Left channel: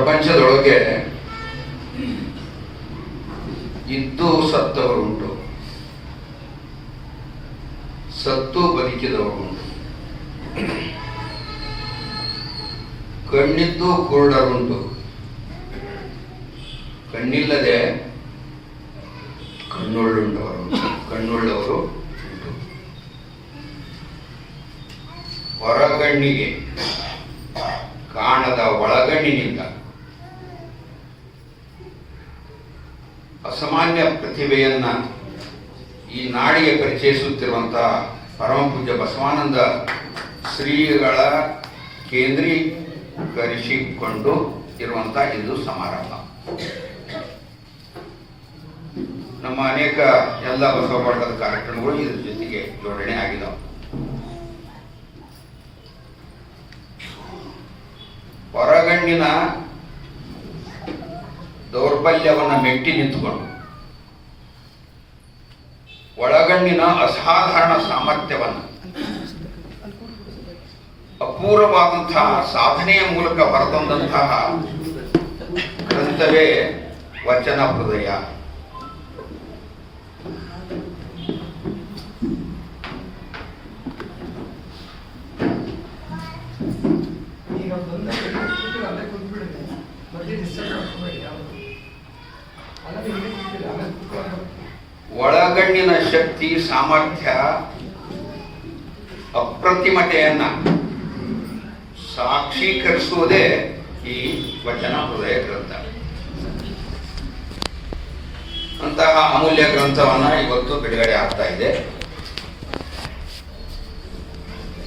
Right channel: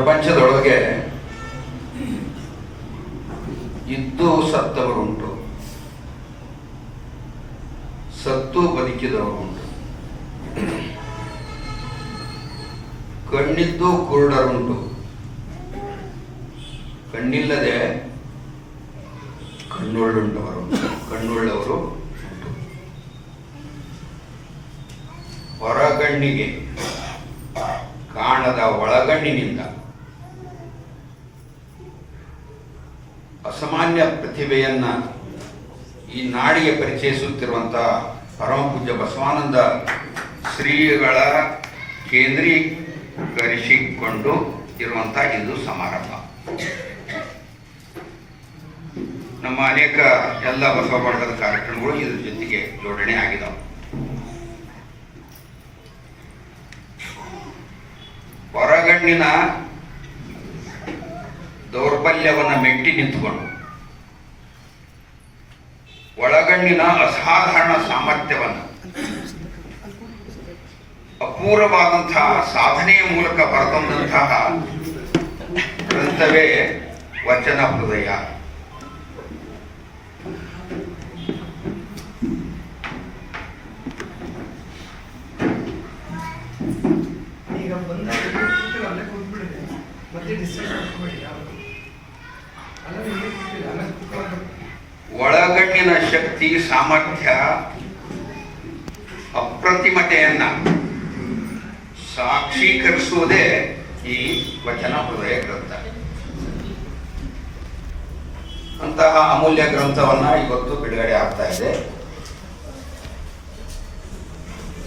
ಪ್ರಪಂಚದೊಳಗೆ ಇದ್ದು ಸತ್ತವರುಂಟು, ಸತ್ತು ಬದುಕಿದವರುಂಟು, ಕಣ್ಣಿದ್ದು ಕುರುಡರುಂಟು, ಕಣ್ಣಿಲ್ಲದೆ ಕಣ್ಣುಳ್ಳವರು ಉಂಟು. ಹೊರಗಣ್ಣಿಗೆ ಕಾಣದ ಒಳಗಣ್ಣಿನಿಂದ ಅಸಾಮಾನ್ಯ ಪ್ರತಿಭೆಯನ್ನ ಈ ನಾಡಿಗೆ ಪರಿಚಯಿಸುತ್ತಿರುವಂತಹ ಪರಮ ಪೂಜ್ಯ ಬಸವಾನಂದ ಶ್ರೀಗಳ ಕೇಂದ್ರೀಕರಿಸಿಕೊಂಡು ಇರುವಂತಹ ಇಂದು ಸಮಾರಂಭ. ನಮ್ಮ ಅನೇಕ ಎಲ್ಲ ಬಸವ ಬಳಗದ ಕಾರ್ಯಕ್ರಮಗಳು ಇದ್ರ ಜೊತೆಗೆ ಜೋಡಣೆ ಆಗಿದ್ದಾವೆ. ಹೊರಗಣ್ಣಿನ ದೌರ್ಬಲ್ಯವನ್ನು ಮೆಟ್ಟಿ ನಿಂತುಕೊಂಡು ಒಳಗಣ್ಣಿನ ಅಸಾಧಾರಣ ಸಾಮರ್ಥ್ಯವನ್ನು ಅಪೂರ್ವವಾದಂತಹ ಸಾಧನೆಯ ಮೂಲಕ ಬರೆದಂತಹ ಗ್ರಂಥವೇ ವಚನ ಹೃದಯ. ಒಳಗಣ್ಣಿನ ಶಕ್ತಿ ಸಾಮರ್ಥ್ಯ ಅಪ್ರತಿಮತೆಯನ್ನ ಸಾಕ್ಷೀಕರಿಸುವುದೇ ಈ ವಚನ ಹೃದಯ ಗ್ರಂಥ. ಅಂತಹ ಅಮೂಲ್ಯ ಗ್ರಂಥವನ್ನ ಇವತ್ತು ಬಿಡುಗಡೆ ಆಗ್ತಾ ಇದೆ.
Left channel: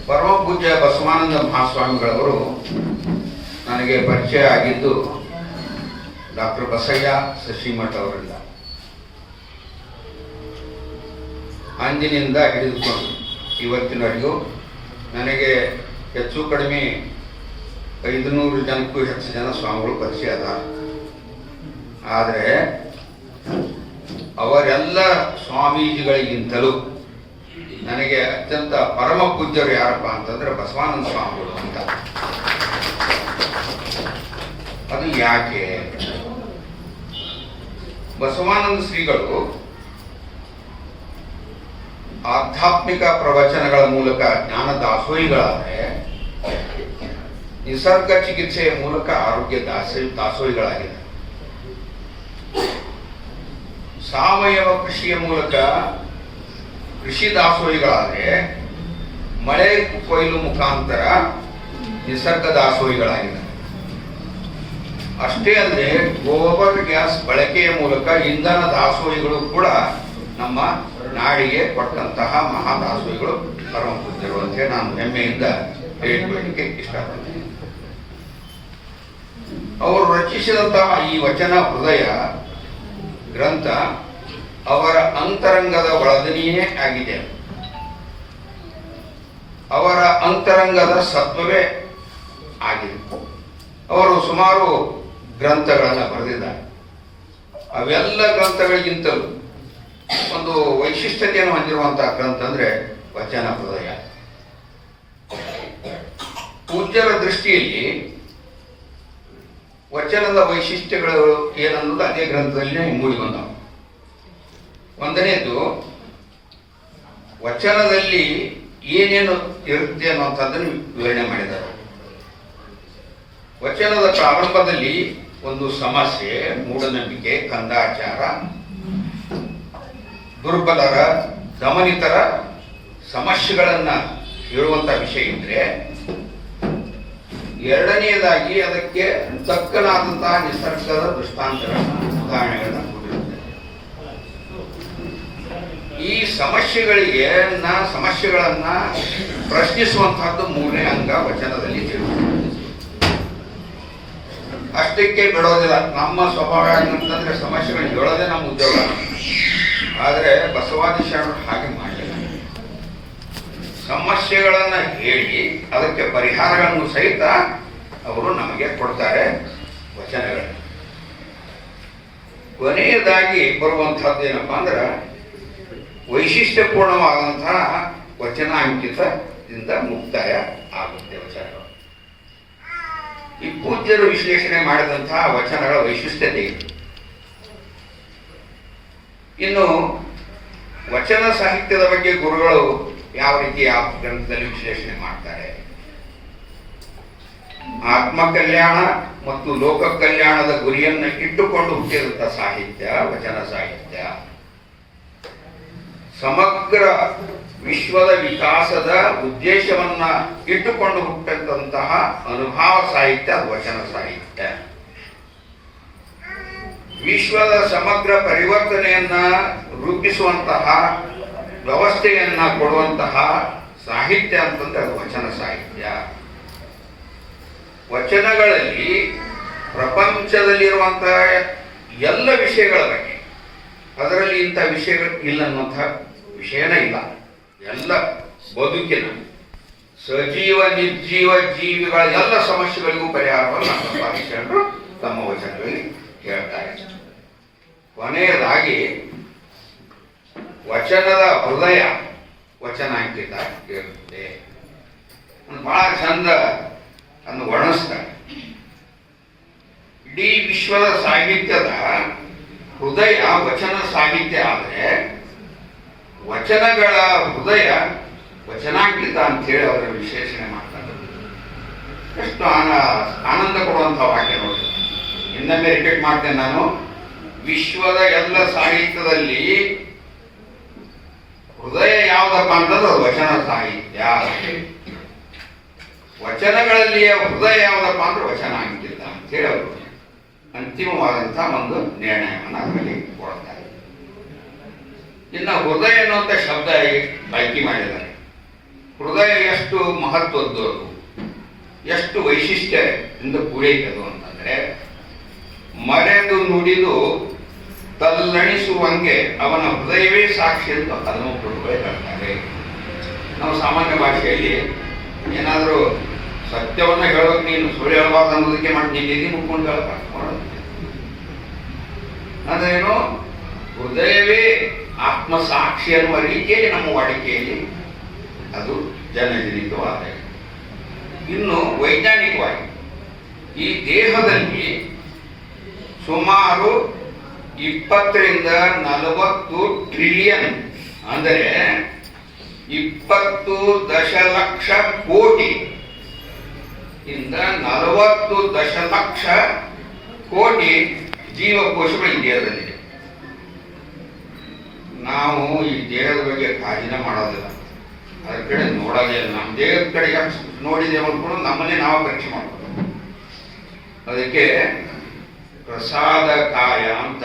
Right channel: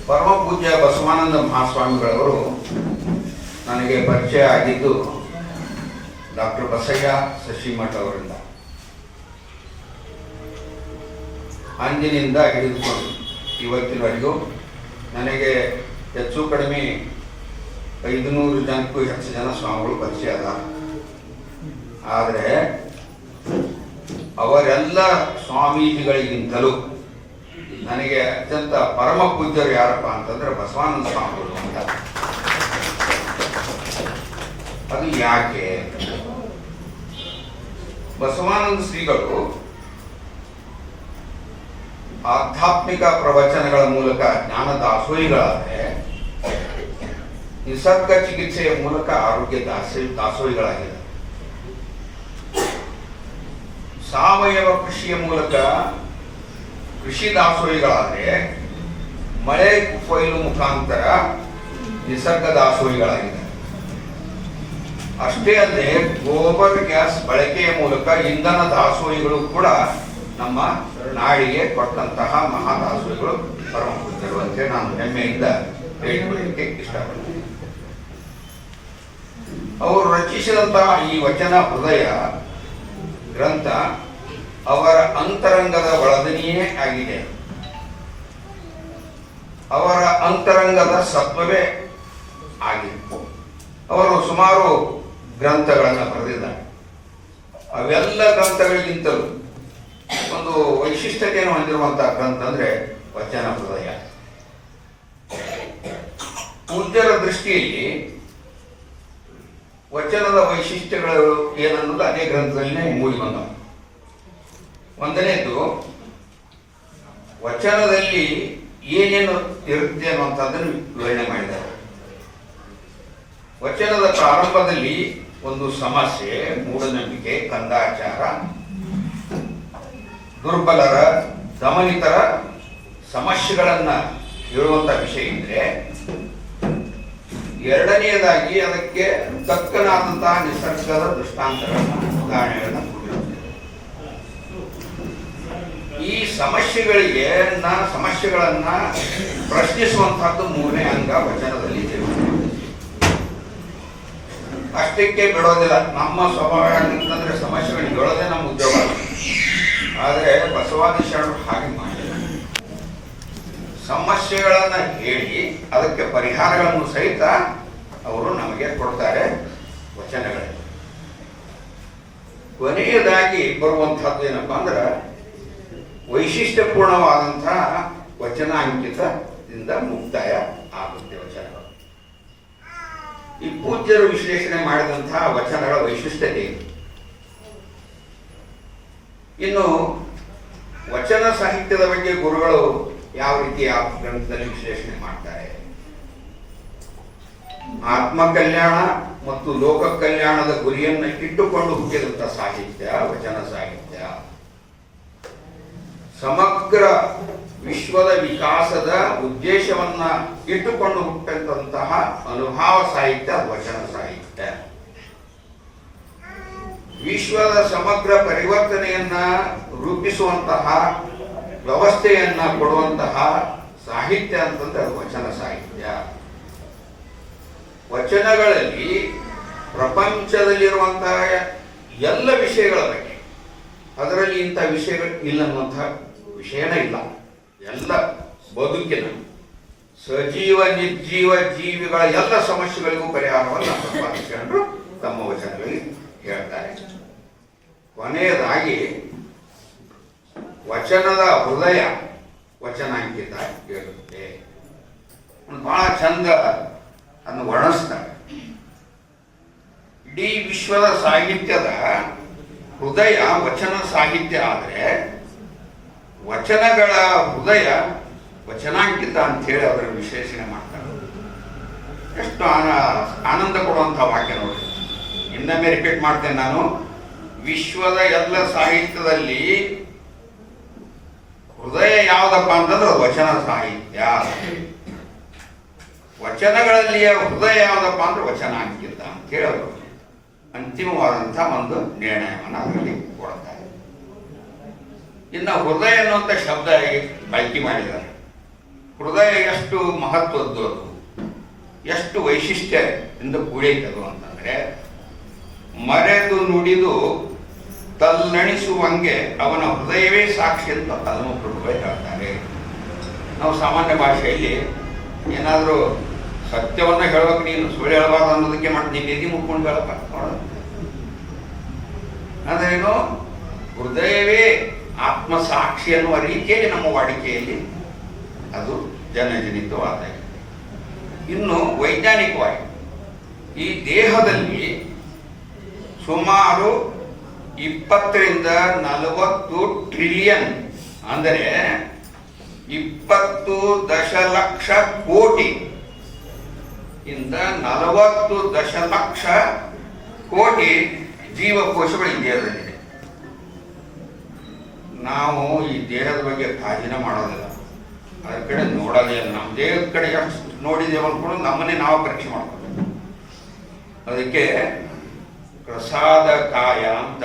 ಪರಮ ಪೂಜ್ಯ ಬಸವಾನಂದ ಮಹಾಸ್ವಾಮಿಗಳವರು ನನಗೆ ಪರಿಚಯ ಆಗಿದ್ದು ಡಾಕ್ಟರ್ ಬಸಯ್ಯ ಶಶಿಮಠ ಅವರಿಂದ. ಅಂದಿನಿಂದ ಹಿಡಿದುಕೊಂಡು ಇವತ್ತಿನವರೆಗೂ ನನಗೆ ಹೆಚ್ಚು ಕಡಿಮೆ 500 ಜನಕ್ಕೂ ಹೆಚ್ಚು ಜನ ಸ್ವಾಮಿಗಳು ಪರಿಚಯ ಅದ. ಆದರೆ ಅವರೆಲ್ಲ ಸ್ವಾಮೀಜಿಗಳಿಗಿಂತಲೂ ನನಗೆ ಅತ್ಯಂತ ಪರಮ ಪೂಜ್ಯರು ಯಾರಪ್ಪ ಅಂತಂದ್ರೆ ಬಸವಾನಂದ ಸ್ವಾಮಿಗಳು ಅಂತ. ಅದು ಯಾಕೆ? ಬಸವಾನಂದ ಶ್ರೀಗಳು ಆಧ್ಯಾತ್ಮಿಕ ಪ್ರವಚನಗಳ ಮೂಲಕ ಜ್ಞಾನ ದಾಸೋಹಿಗಳಾದರೆ, ನಿಸರ್ಗ ಚಿಕಿತ್ಸೆಯ ಮೂಲಕ ಆರೋಗ್ಯ ದಾಸೋಹಿಗಳಾಗಿದ್ದಾರೆ. ಸಾವಯವ ಕೃಷಿಯ ಮೂಲಕ ಕೃಷಿ ದಾಸೋಹಿಗಳಾದರೆ, ಮಳೆ ಕೊಯ್ಲು ಮುಖಾಂತರ ನಿಸರ್ಗ ದಾಸೋಹಿಗಳಾಗಿದ್ದಾರೆ. ಅಷ್ಟೇ ಅಲ್ಲದೆ ಗೋಬರ್ ಗ್ಯಾಸ್ ಬಳಕೆಯ ಮೂಲಕ ಇಂಧನ ದಾಸೋಹಿಗಳು ಕೂಡ ನಮ್ಮ ನಾಡಿಗೆ ಕೊಟ್ಟಂತಹ ಮಹಾ ದಾಸೋಹಿಗಳು ಪರಮ ಪೂಜ್ಯರು ಅಂತ ನಾನು ಹೆಮ್ಮೆಯಿಂದ ಹೇಳಿಕೊಳ್ಳಲಿಕ್ಕೆ ಇಷ್ಟಪಡ್ತೇನೆ. ಅವರು ರಚಿಸಿದಂತಹ ಈ ವಚನ ಹೃದಯ ಗ್ರಂಥ ಅವರ ಅಂತರಂಗದ ಒಳದನಿಯೇ ಆಗಿದೆ. ಅವರ ಅಂತರಂಗದ ಸತ್ವವೇ ಆಗಿದೆ. ಅವರು ಸುಮಾರು ಗ್ರಂಥಗಳನ್ನು ಬರೆದಿದ್ದಾರೆ. ಅವೆಲ್ಲ ಗ್ರಂಥಗಳಿಗಿಂತಲೂ ಒಂದು ವೈಶಿಷ್ಟ್ಯತೆಯನ್ನು ಹೊಂದಿರುವಂತಹ ಗ್ರಂಥ ಅಂದ್ರೆ ವಚನ ಹೃದಯ. ಪೂಜ್ಯರ ದೃಷ್ಟಿಯಲ್ಲಿ ವಚನದ ವೈಶಿಷ್ಟ್ಯಗಳು ಏನನ್ನೋದು ಅದೇ ಗ್ರಂಥದಲ್ಲಿ ಮೂಡಿ ಬಂದವು. ಒಂದನೇದು, ವಚನದಲ್ಲಿ ಏನೇನು ಇರುತ್ತೆ ಅನ್ನುವಂಥದ್ದನ್ನು ವಿವರಣೆ ಮಾಡಿದ್ದಾರೆ. ವಚನದ ಪ್ರಾರಂಭದಲ್ಲಿ ಒಂದು ಸಮಸ್ಯೆ, ಮೂಢನಂಬಿಕೆ, ಕಂದಾಚಾರ, ದುರ್ಬಲರ, ದಮನಿತರ ಸಮಸ್ಯೆಗಳನ್ನ ಹೇಳುವಂತ ವಿಷಯ ಇದ್ರೆ, ಎರಡನೆಯದಾಗಿ ಅದಕ್ಕೆ ತಕ್ಕನಾದಂತಹ ನಿಸರ್ಗದ ದೃಷ್ಟಾಂತಗಳನ್ನ, ಉದಾಹರಣೆಗಳನ್ನ ಕೊಟ್ಟಿರುತ್ತದೆ. ಈ ಸಮಸ್ಯೆಗಳನ್ನ ಪ್ರಶ್ನಿಸುವಂತಹದ್ದು ಮೂರನೇ ಅಂಗ ವಚನದಲ್ಲಿ ತಿಳಿಸುತ್ತದೆ. ಅಷ್ಟಕ್ಕೆ ಬಿಡೋದಿಲ್ಲ. ನಮ್ಮ ಸ್ವಭಾವ ಅಂತಂದ್ರೆ ಸಮಸ್ಯೆಗಳನ್ನ ಹೇಳೋದೇ ನಮ್ಮ ಉದ್ಯೋಗ. ಆದರೆ ಬಸವಾದಿ ಶರಣರು ಹಾಗೆ ಮಾಡಿಲ್ಲ. ಸಮಸ್ಯೆಗಳನ್ನ ಹೇಳಿ ಅದಕ್ಕೆ ಪರಿಹಾರಗಳನ್ನು ಸಹಿತ ಅವರು ನಮಗೆ ಕೊಡ್ತಾರೆ ವಚನಗಳಲ್ಲಿ. ಕೊನೆಯದಾಗಿ ಬರುವಂತಹದ್ದು ಏನಪ್ಪಾ ಅಂದ್ರೆ, ವೈಶಿಷ್ಟ್ಯಪೂರ್ಣವಾದಂತಹ ವಚನ ಅಂಕಿತದಿಂದ ಮುಕ್ತಾಯ ಆಗುತ್ತೆ ವಚನಗಳು. ಈ ಪೂಜ್ಯರು ವಿಶ್ಲೇಷಣೆ ಮಾಡಿದಂತಹ ವಚನಗಳ ವೈಶಿಷ್ಟ್ಯತೆ ಇದೆ. ಇನ್ನು ವಚನ ಸಾಹಿತ್ಯದ ಬಗ್ಗೆ ಗುರುಗಳು ಯಾವ ರೀತಿ ಯಾವ ಗ್ರಂಥದಲ್ಲಿ ವಿಶ್ಲೇಷಣೆ ಮಾಡ್ತಾರೆ? ಆತ್ಮ ಕಲ್ಯಾಣ ಮತ್ತು ಲೋಕ ಕಲ್ಯಾಣದ ಗುರಿಯನ್ನು ಇಟ್ಟುಕೊಂಡು ಹುಟ್ಟಿದಂಥ ಸಾಹಿತ್ಯ ವಚನ ಸಾಹಿತ್ಯ. ಸಮಗ್ರ ವಿಶ್ವದ ವಿಕಾಸದ ಉದ್ದೇಶವನ್ನ ಇಟ್ಟುಕೊಂಡು ಹುಟ್ಟಿದಂತಹ ಅನುಭವ ಸಾಹಿತ್ಯ ವಚನ ಸಾಹಿತ್ಯ. ವಿಶ್ವದ ಸಮಗ್ರ ಪರಿವರ್ತನೆಯನ್ನ ರೂಪಿಸುವಂತಹ ವ್ಯವಸ್ಥೆಯನ್ನ ಕೊಡುವಂತಹ ಸಾಹಿತ್ಯ ಅಂತಂದ್ರೆ ಅದು ವಚನ ಸಾಹಿತ್ಯ. ವಚನಗಳಲ್ಲಿ ಪ್ರಪಂಚದಲ್ಲಿರುವಂತಹ ಎಲ್ಲ ವಿಷಯಗಳ ಬಗ್ಗೆ, ಅದರಲ್ಲಿ ಇಂಥ ವಿಷಯಗಳು ಇಲ್ಲ ಅನ್ನುವಂತಹ ವಿಷಯನೇ ಇಲ್ಲ. ಎಲ್ಲ ಬದುಕಿನ ಸಜೀವ ನಿರ್ಜೀವ ಜೀವಿಗಳ ಎಲ್ಲ ಸಮಸ್ಯೆಗಳಿಗೂ ಪರಿಹಾರವನ್ನು ಪ್ರತಿಪಾದಿಸಿಕೊಂಡು ತಮ್ಮ ವಚನಗಳಲ್ಲಿ ಹೇಳ್ತಾರೆ. ಕೊನೆಯದಾಗಿ ವಚನದ ಹೃದಯ ವಚನಾಂಕಿತ ಇರುತ್ತೆ. ಬಹಳ ಚಂದ ಅನ್ನು ವರ್ಣಿಸ್ತಾರೆ. ಇಡೀ ವಿಶ್ವದ ಸಾಹಿತ್ಯದ ಹೃದಯ ವಚನ ಸಾಹಿತ್ಯ ಆದರೆ ವಚನಗಳ ಹೃದಯ ವಚನಾಂಕಿತ ಅಂತ ಹೇಳಿ ಅವರ ವಿಶ್ಲೇಷಣೆ ಮಾಡ್ತಾರೆ. ಎಷ್ಟು ಆನಂದ ಕೊಡುವಂಥ ವಾಕ್ಯ ನೋಡಿ. ಇನ್ನೊಮ್ಮೆ ರಿಪೀಟ್ ಮಾಡ್ತೇನೆ ನಾನು. ವಿಶ್ವದ ಎಲ್ಲ ಸಾಹಿತ್ಯದಲ್ಲಿ ಹೃದಯ ಯಾವುದಪ್ಪ ಅಂತಂದ್ರೆ ವಚನ ಸಾಹಿತ್ಯ. ವಚನಗಳಲ್ಲಿಯ ಹೃದಯ ಯಾವುದಪ್ಪ ಅಂದ್ರೆ ವಚನಾಂಕಿತ ಅಂತ ಹೇಳಿ ಅವರು ಅಂತಿಮವಾದಂಥ ಒಂದು ನಿರ್ಣಯವನ್ನು ಅದರಲ್ಲಿ ಕೊಡ್ತಾರೆ. ಇನ್ನು ಹೃದಯ ಅನ್ನುವಂಥ ಶಬ್ದ ಬಳಕೆ ಮಾಡಿದ್ದಾರೆ. ಹೃದಯ ಎಷ್ಟು ಮಹತ್ವದ್ದು, ಎಷ್ಟು ವೈಶಿಷ್ಟ್ಯದಿಂದ ಕೂಡೈತದು ಅಂತಂದ್ರೆ, ಮರೆದು ನುಡಿದು ತಲ್ಲಣಿಸುವಂಗೆ ಅವನ ಹೃದಯವೇ ಸಾಕ್ಷಿ ಅಂತ ಹನುಮಂತರು ಹೇಳ್ತಾರೆ. ನಾವು ಸಾಮಾನ್ಯ ಭಾಷೆಯಲ್ಲಿ ಏನಾದರೂ ಸತ್ಯವನ್ನ ಹೇಳೋಕೆ ನೀನು ಸುಳ್ಳು ಹೇಳಬಾರ್ದು ಅನ್ನೋದಕ್ಕೆ ಮಾಡಿ ನೀನು ನಿಧಿ ಮುಟ್ಕೊಂಡು ಹೇಳಬಾರ್ದು. ಅದೇನು ಹೃದಯವೇ ಆತ್ಮ ಸಾಕ್ಷಿ ಅನ್ನುವ ರೀತಿಯಲ್ಲಿ ನಮ್ಮ ವಾಡಿಕೆಯಲ್ಲಿ ಅದು ಜನಜನಿತವಾದ. ಇನ್ನು ವೈಜ್ಞಾನಿಕವಾಗಿ ಈ ದೇಹದಲ್ಲಿ ಸುಮಾರು 20 ರಿಂದ 40 ಟ್ರಿಲಿಯನ್ ಅಂದರೆ 20 ದಶಲಕ್ಷ ಕೋಟಿ ಇಂದ 40 ದಶಲಕ್ಷ ಕೋಟಿ ಜೀವಕೋಶಗಳು ಈ ದೇಹದಲ್ಲಿದೆ. ನಾವು ಈ ದೇಹದ ಬಗ್ಗೆ ಕಾಳಜಿನ ಮಾಡೋದಿಲ್ಲ, ಅದ್ರ ಕಡೆ ನೋಡೋದೇ ಇಲ್ಲ. ನಮ್ಮ ದೇಹದ ಕಡೆ ಎಷ್ಟು ನೋಡಿದೇವೆ ಅಂದ್ಕೊಂಡು ನಮ್ಮನ್ನೇ ನಾವು ಪರೀಕ್ಷೆ ಮಾಡ್ತೀವಿ. ಅದಕ್ಕೆ ಪ್ರಸಾದ ಕಾಯ ಅಂತ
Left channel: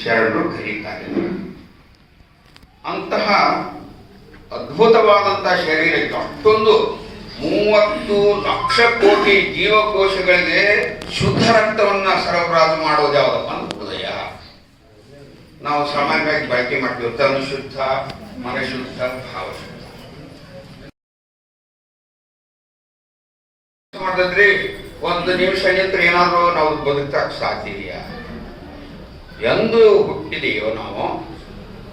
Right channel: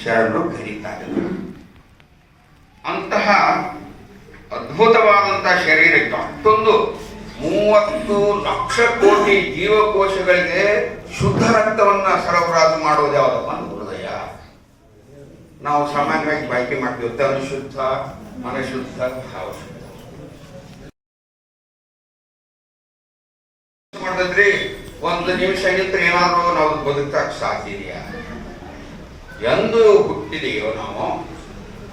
ಶರಣರು ಕರೀತಾರೆ. ಅಂತಹ ಅದ್ಭುತವಾದಂತಹ ಶರೀರಕ್ಕೆ ಅಷ್ಟೊಂದು 30 ಲಕ್ಷ ಕೋಟಿ ಜೀವಕೋಶಗಳಿಗೆ ಶುದ್ಧ ರಕ್ತವನ್ನ ಸರಬರಾಜು ಮಾಡೋದು ಯಾವುದಪ್ಪ ಅಂದ್ರೆ ಹೃದಯ. ನಾವು ಸಾಮಾನ್ಯವಾಗಿ ಬಳಕೆ ಮಾಡ್ತೀವಿ ತನು ಶುದ್ಧ, ಮನಶುದ್ಧ, ಭಾವಶುದ್ಧ. ಮಾಡಿದ್ರೆ ಒಂದು ನಿಮಿಷ ನಿಂತ್ರೆ ಏನಾದರೂ ನಾವು ಬದುಕಕ್ಕೆ ಸಾಧ್ಯ ಇದೆಯಾ? ಎಂದು ಹುಟ್ಟಿದೆಯೋ ನಾವು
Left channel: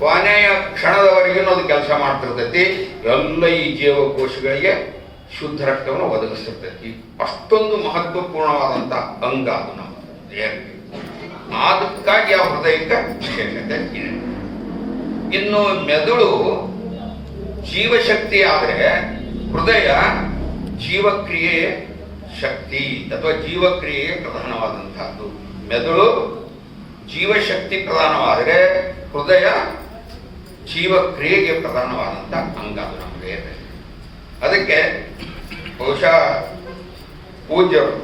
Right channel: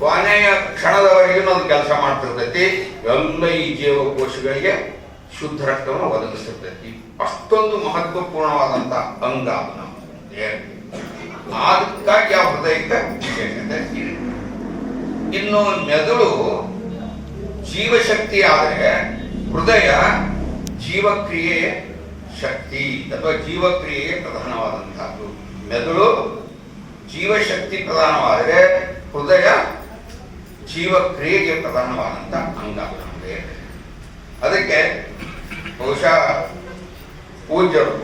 ಕೊನೆಯ ಕ್ಷಣದವರೆಗೂ ಅದು ಕೆಲಸ ಮಾಡ್ತಿರ್ತೈತಿ. ಎಲ್ಲ ಈ ಜೀವಕೋಶಗಳಿಗೆ ಶುದ್ಧ ರಕ್ತವನ್ನು ಒದಗಿಸಿರ್ತೈತಿ. ಅಷ್ಟೊಂದು ಮಹತ್ವಪೂರ್ಣವಾದಂತ ಅಂಗ ಅದು ನಮ್ಮ ದೇಹಕ್ಕೆ. ಅದಕ್ಕಾಗಿ ಆ ಹೃದಯಕ್ಕೆ ವಿಶೇಷತೆ ಇದೆ. ಇನ್ನು ಮೆದುಳು ಜೀವಶಕ್ತಿ ಆದರೆ ಹೃದಯ ಜೀವಕ್ರಿಯೆಯ ಶಕ್ತಿ ಅಥವಾ ಜೀವಕ್ರಿಯೆಗೆ ಪ್ರಧಾನವಾದಂತಹದ್ದು. ಮೆದುಳು ಜೀವಶಕ್ತಿ ಪ್ರಧಾನವಾದರೆ ಹೃದಯ ಜೀವಕ್ರಿಯೆಗೆ ಪ್ರಧಾನವಾದಂಥ ಅಂಗ ನಮಗೆ. ಅದಕ್ಕೆ ಬಹುಶಃ ಪೂಜ್ಯರು